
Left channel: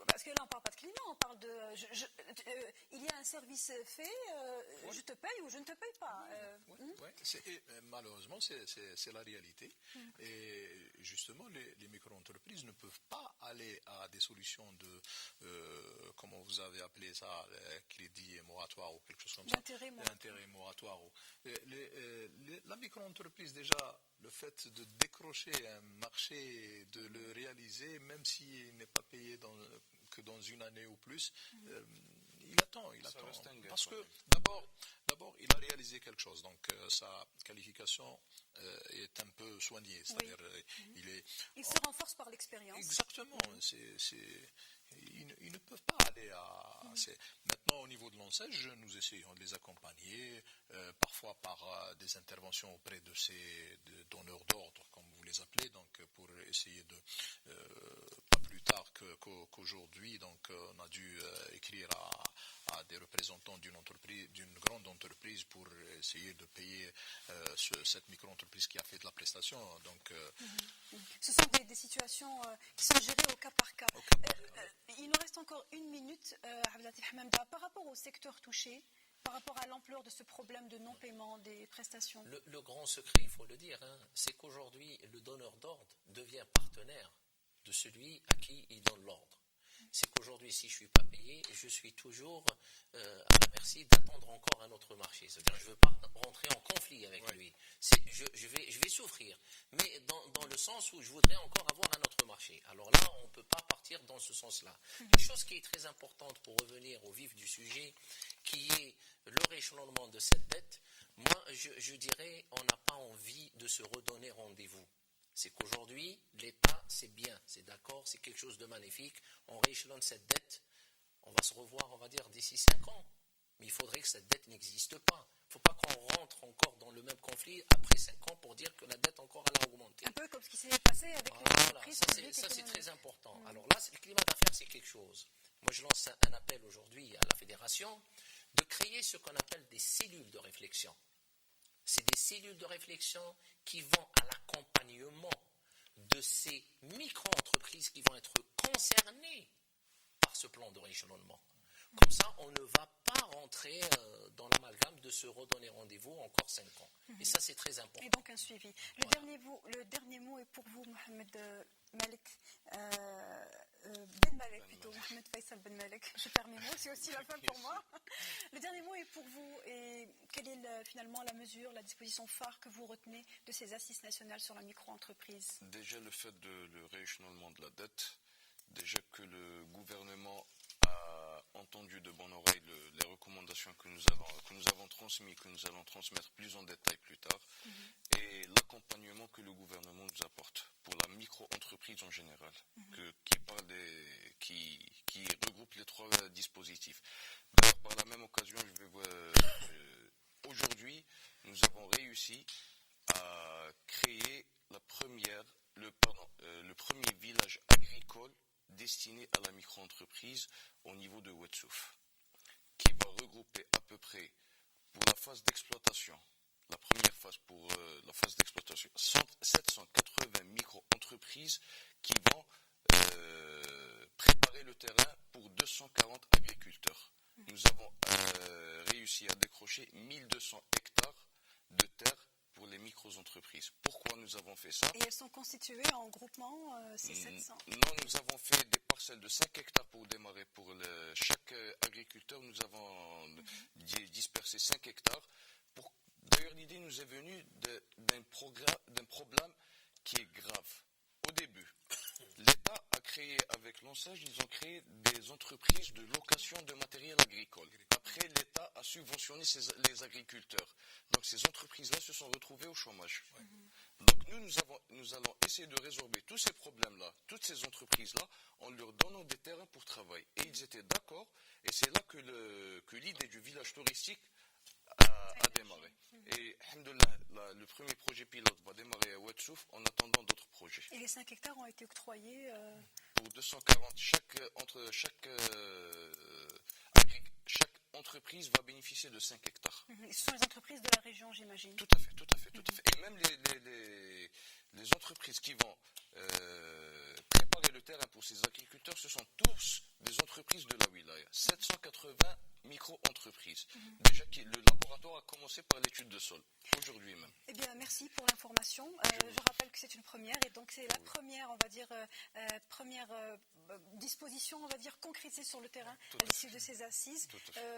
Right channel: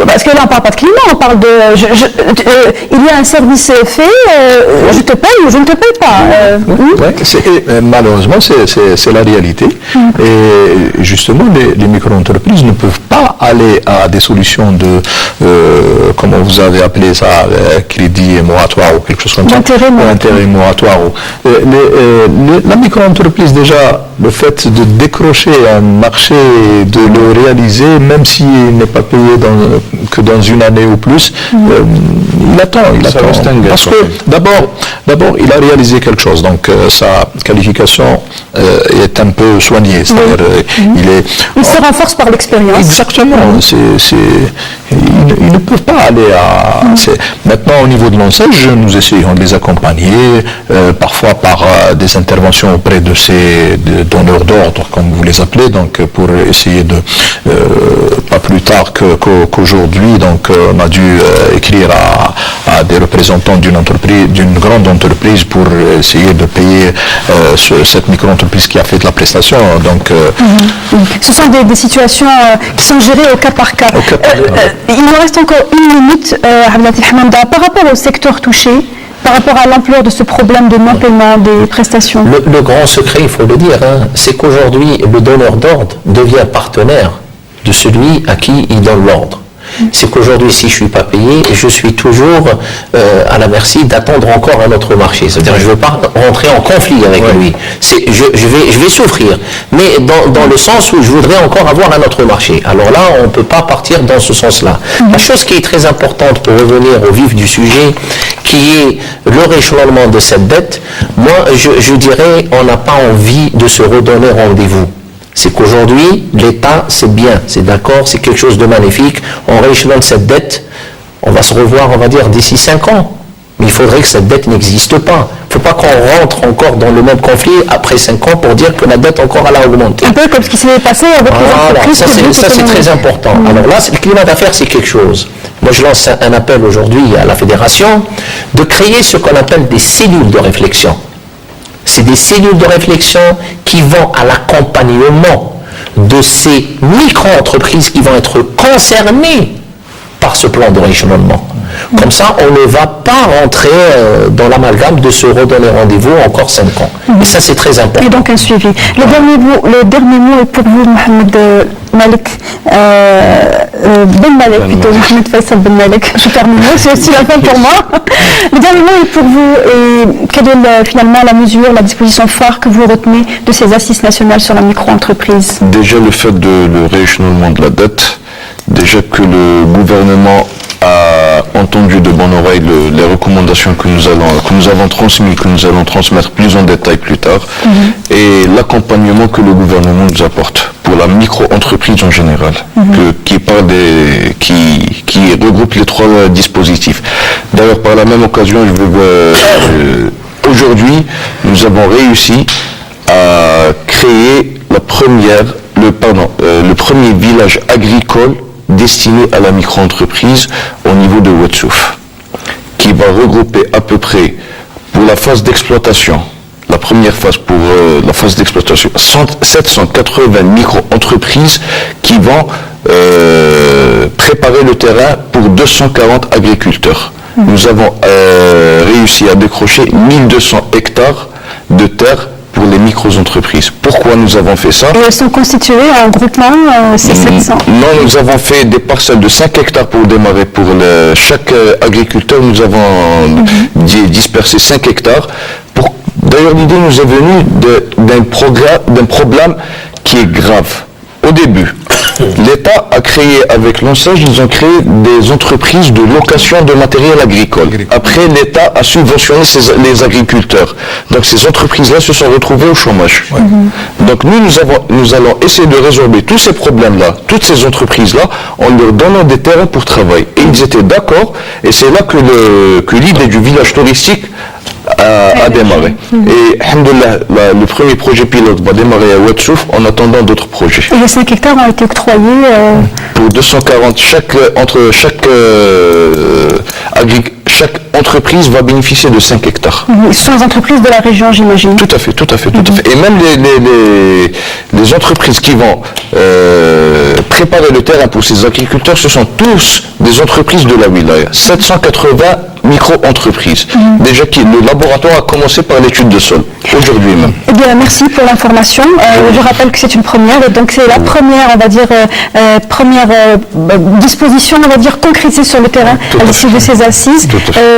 parce que là on parle pas de climat, on parle de il y a un service fait, je te paye ou je ne te paye pas. Malheureusement c'est la réalité. Et justement les micro-entreprises ne peuvent pas aller à des solutions de comment vous avez appelé ça, crédit moratoire ou quelque chose comme ça, intérêt moratoire. La micro-entreprise, déjà, le fait de décrocher un marché, de le réaliser, même s'il n'est pas payé que dans une année ou plus, il attend. Parce que d'abord, il a réalisé quelque chose, donc sa qualification est un peu soignée. C'est-à-dire, il se renforce par l'expérience. Exactement. Ils ne peuvent pas aller à... Maintenant, au niveau de l'ANSEJ, nous essayons de les accompagner, parfois par des interventions auprès de ces donneurs d'ordre, comme vous les appelez, donc pour essayer de... pas plus tard qu'aujourd'hui, donc on a dû écrire à des représentants d'une grande entreprise pour essayer de payer cette micro-entreprise qui a fait de la prestation. Donc, ce sont des situations qui sont gérées au cas par cas. Il nous reste encore une minute, Abdelati Hamanda, par rapport au secteur touché, par rapport à l'ampleur de ce problème de non-paiement des prestations. Le grand secret, il faut le dire, c'est qu'aujourd'hui, le donneur d'ordre devient partenaire de celui à qui il donne l'ordre. C'est qu'aujourd'hui, si je ne suis pas payé, je suis toujours à la merci d'attendre encore un autre marché. C'est-à-dire que je ne veux pas rentrer en conflit avec lui. Je vais souffrir, mais dans le sens où je voudrais encore avoir un autre marché. Alors là, on ne peut pas partir dans ce sens-là. La chose qui est très importante pour revenir au vif du sujet, qui est le rééchelonnement de cette dette, moi, je dirais, on n'a pas envie de se redonner rendez-vous. C'est qu'aujourd'hui, l'État, c'est bien, c'est d'accord, c'est quelque chose de magnifique. On rééchelonne cette dette, on va se revoir, on va dire, d'ici 5 ans. Mais il faudrait que cette dette n'existe pas. Il ne faut pas qu'on rentre encore dans le même conflit après 5 ans pour dire que la dette encore elle a augmenté. Un peu comme ce qui s'est passé avec les entreprises. Ça c'est très important. Alors là, le climat d'affaires, c'est quelque chose. Moi, je lance un appel aujourd'hui à la Fédération de créer ce qu'on appelle des cellules de réflexion. C'est des cellules de réflexion qui vont à l'accompagnement de ces micro-entreprises qui vont être concernées par ce plan de rééchelonnement. Comme ça, on ne va pas rentrer dans l'amalgame de se redonner rendez-vous encore 5 ans. Et ça, c'est très important. Et donc un suivi. Le dernier mot est pour vous, Mohamed Malik, Ben Malik, plutôt, Mohamed Faisal Ben Malik. Je termine, c'est aussi la fin pour moi. Le dernier mot est pour vous, et quelle est finalement la mesure, la disposition phare que vous retenez de ces assises nationales sur la micro-entreprise? Déjà le fait de le rééchelonnement de la dette, déjà que le gouvernement a entendu de bonne oreille les recommandations que nous avons transmises, que nous allons transmettre plus en détail plus tard, et l'accompagnement que le gouvernement nous apporte pour la micro-entreprise en général, qui regroupe les 3 dispositifs. D'ailleurs, par la même occasion, aujourd'hui, nous avons réussi à créer le premier village agricole destiné à la micro-entreprise au niveau de Ouadsouf, qui va regrouper à peu près, pour la phase d'exploitation, la première phase pour la phase d'exploitation, 780 micro-entreprises qui vont préparer le terrain pour 240 agriculteurs. Nous avons réussi à décrocher 1200 hectares de terre pour les micro-entreprises. Pourquoi nous avons fait ça? Et elles sont constituées en groupement, c'est 700? Non, nous avons fait des parcelles de 5 hectares pour démarrer. Pour chaque agriculteur, nous avons dispersé 5 hectares. D'ailleurs, l'idée nous est venue d'un problème qui est grave. Au début, l'État a créé, avec l'ONSAGE, ils ont créé des entreprises de location de matériel agricole. Après, l'État a subventionné les agriculteurs. Donc ces entreprises-là se sont retrouvées au chômage. Donc nous allons essayer de résorber tous ces problèmes-là, toutes ces entreprises-là, en leur donnant des terrains pour travail. Et ils étaient d'accord, et c'est là que l'idée du village touristique a démarré. Et alhamdoulilah, le premier projet pilote va démarrer à Ouadsouf en attendant d'autres projets. Et les 5 hectares ont été octroyés pour 240. Chaque entreprise va bénéficier de 5 hectares. Ce sont les entreprises de la région, j'imagine. Tout à fait. Et même les entreprises qui vont préparer le terrain pour ces agriculteurs, ce sont tous des entreprises de la wilaya. 780 micro-entreprises. Déjà, le laboratoire a commencé par l'étude de sol, aujourd'hui même. Eh bien, merci pour l'information. Je rappelle que c'est une première, et donc c'est la première, on va dire, disposition, on va dire, concrétisée sur le terrain à l'issue de ces assises.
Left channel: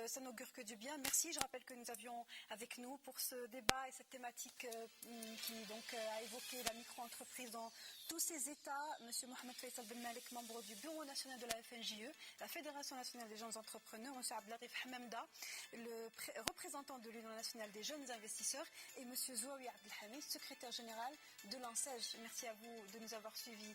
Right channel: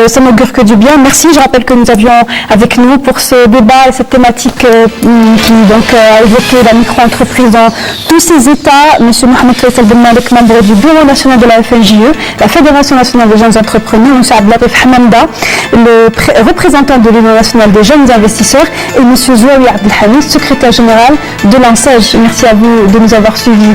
Ça n'augure que du bien. Merci. Je rappelle que nous avions avec nous pour ce débat, cette thématique qui donc a évoqué la micro-entreprise dans tous ses états, M. Mohamed Faisal Ben Malik, membre du Bureau national de la FNJE, la Fédération nationale des jeunes entrepreneurs, M. Abdelatif Hamamda, le représentant de l'Union nationale des jeunes investisseurs, et M. Zouaoui Abdelhamid, secrétaire général de l'ANSEJ. Merci à vous de nous avoir suivis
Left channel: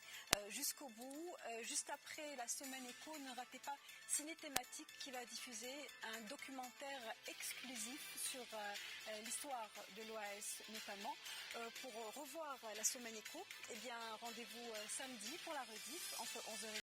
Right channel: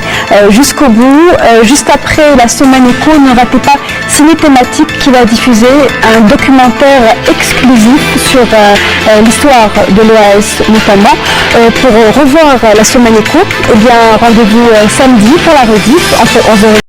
jusqu'au bout. Juste après la semaine éco, ne ratez pas Ciné Thématique qui va diffuser un documentaire exclusif sur l'histoire de l'OAS notamment. Pour revoir la semaine éco, eh bien rendez-vous samedi pour la rediff entre 11h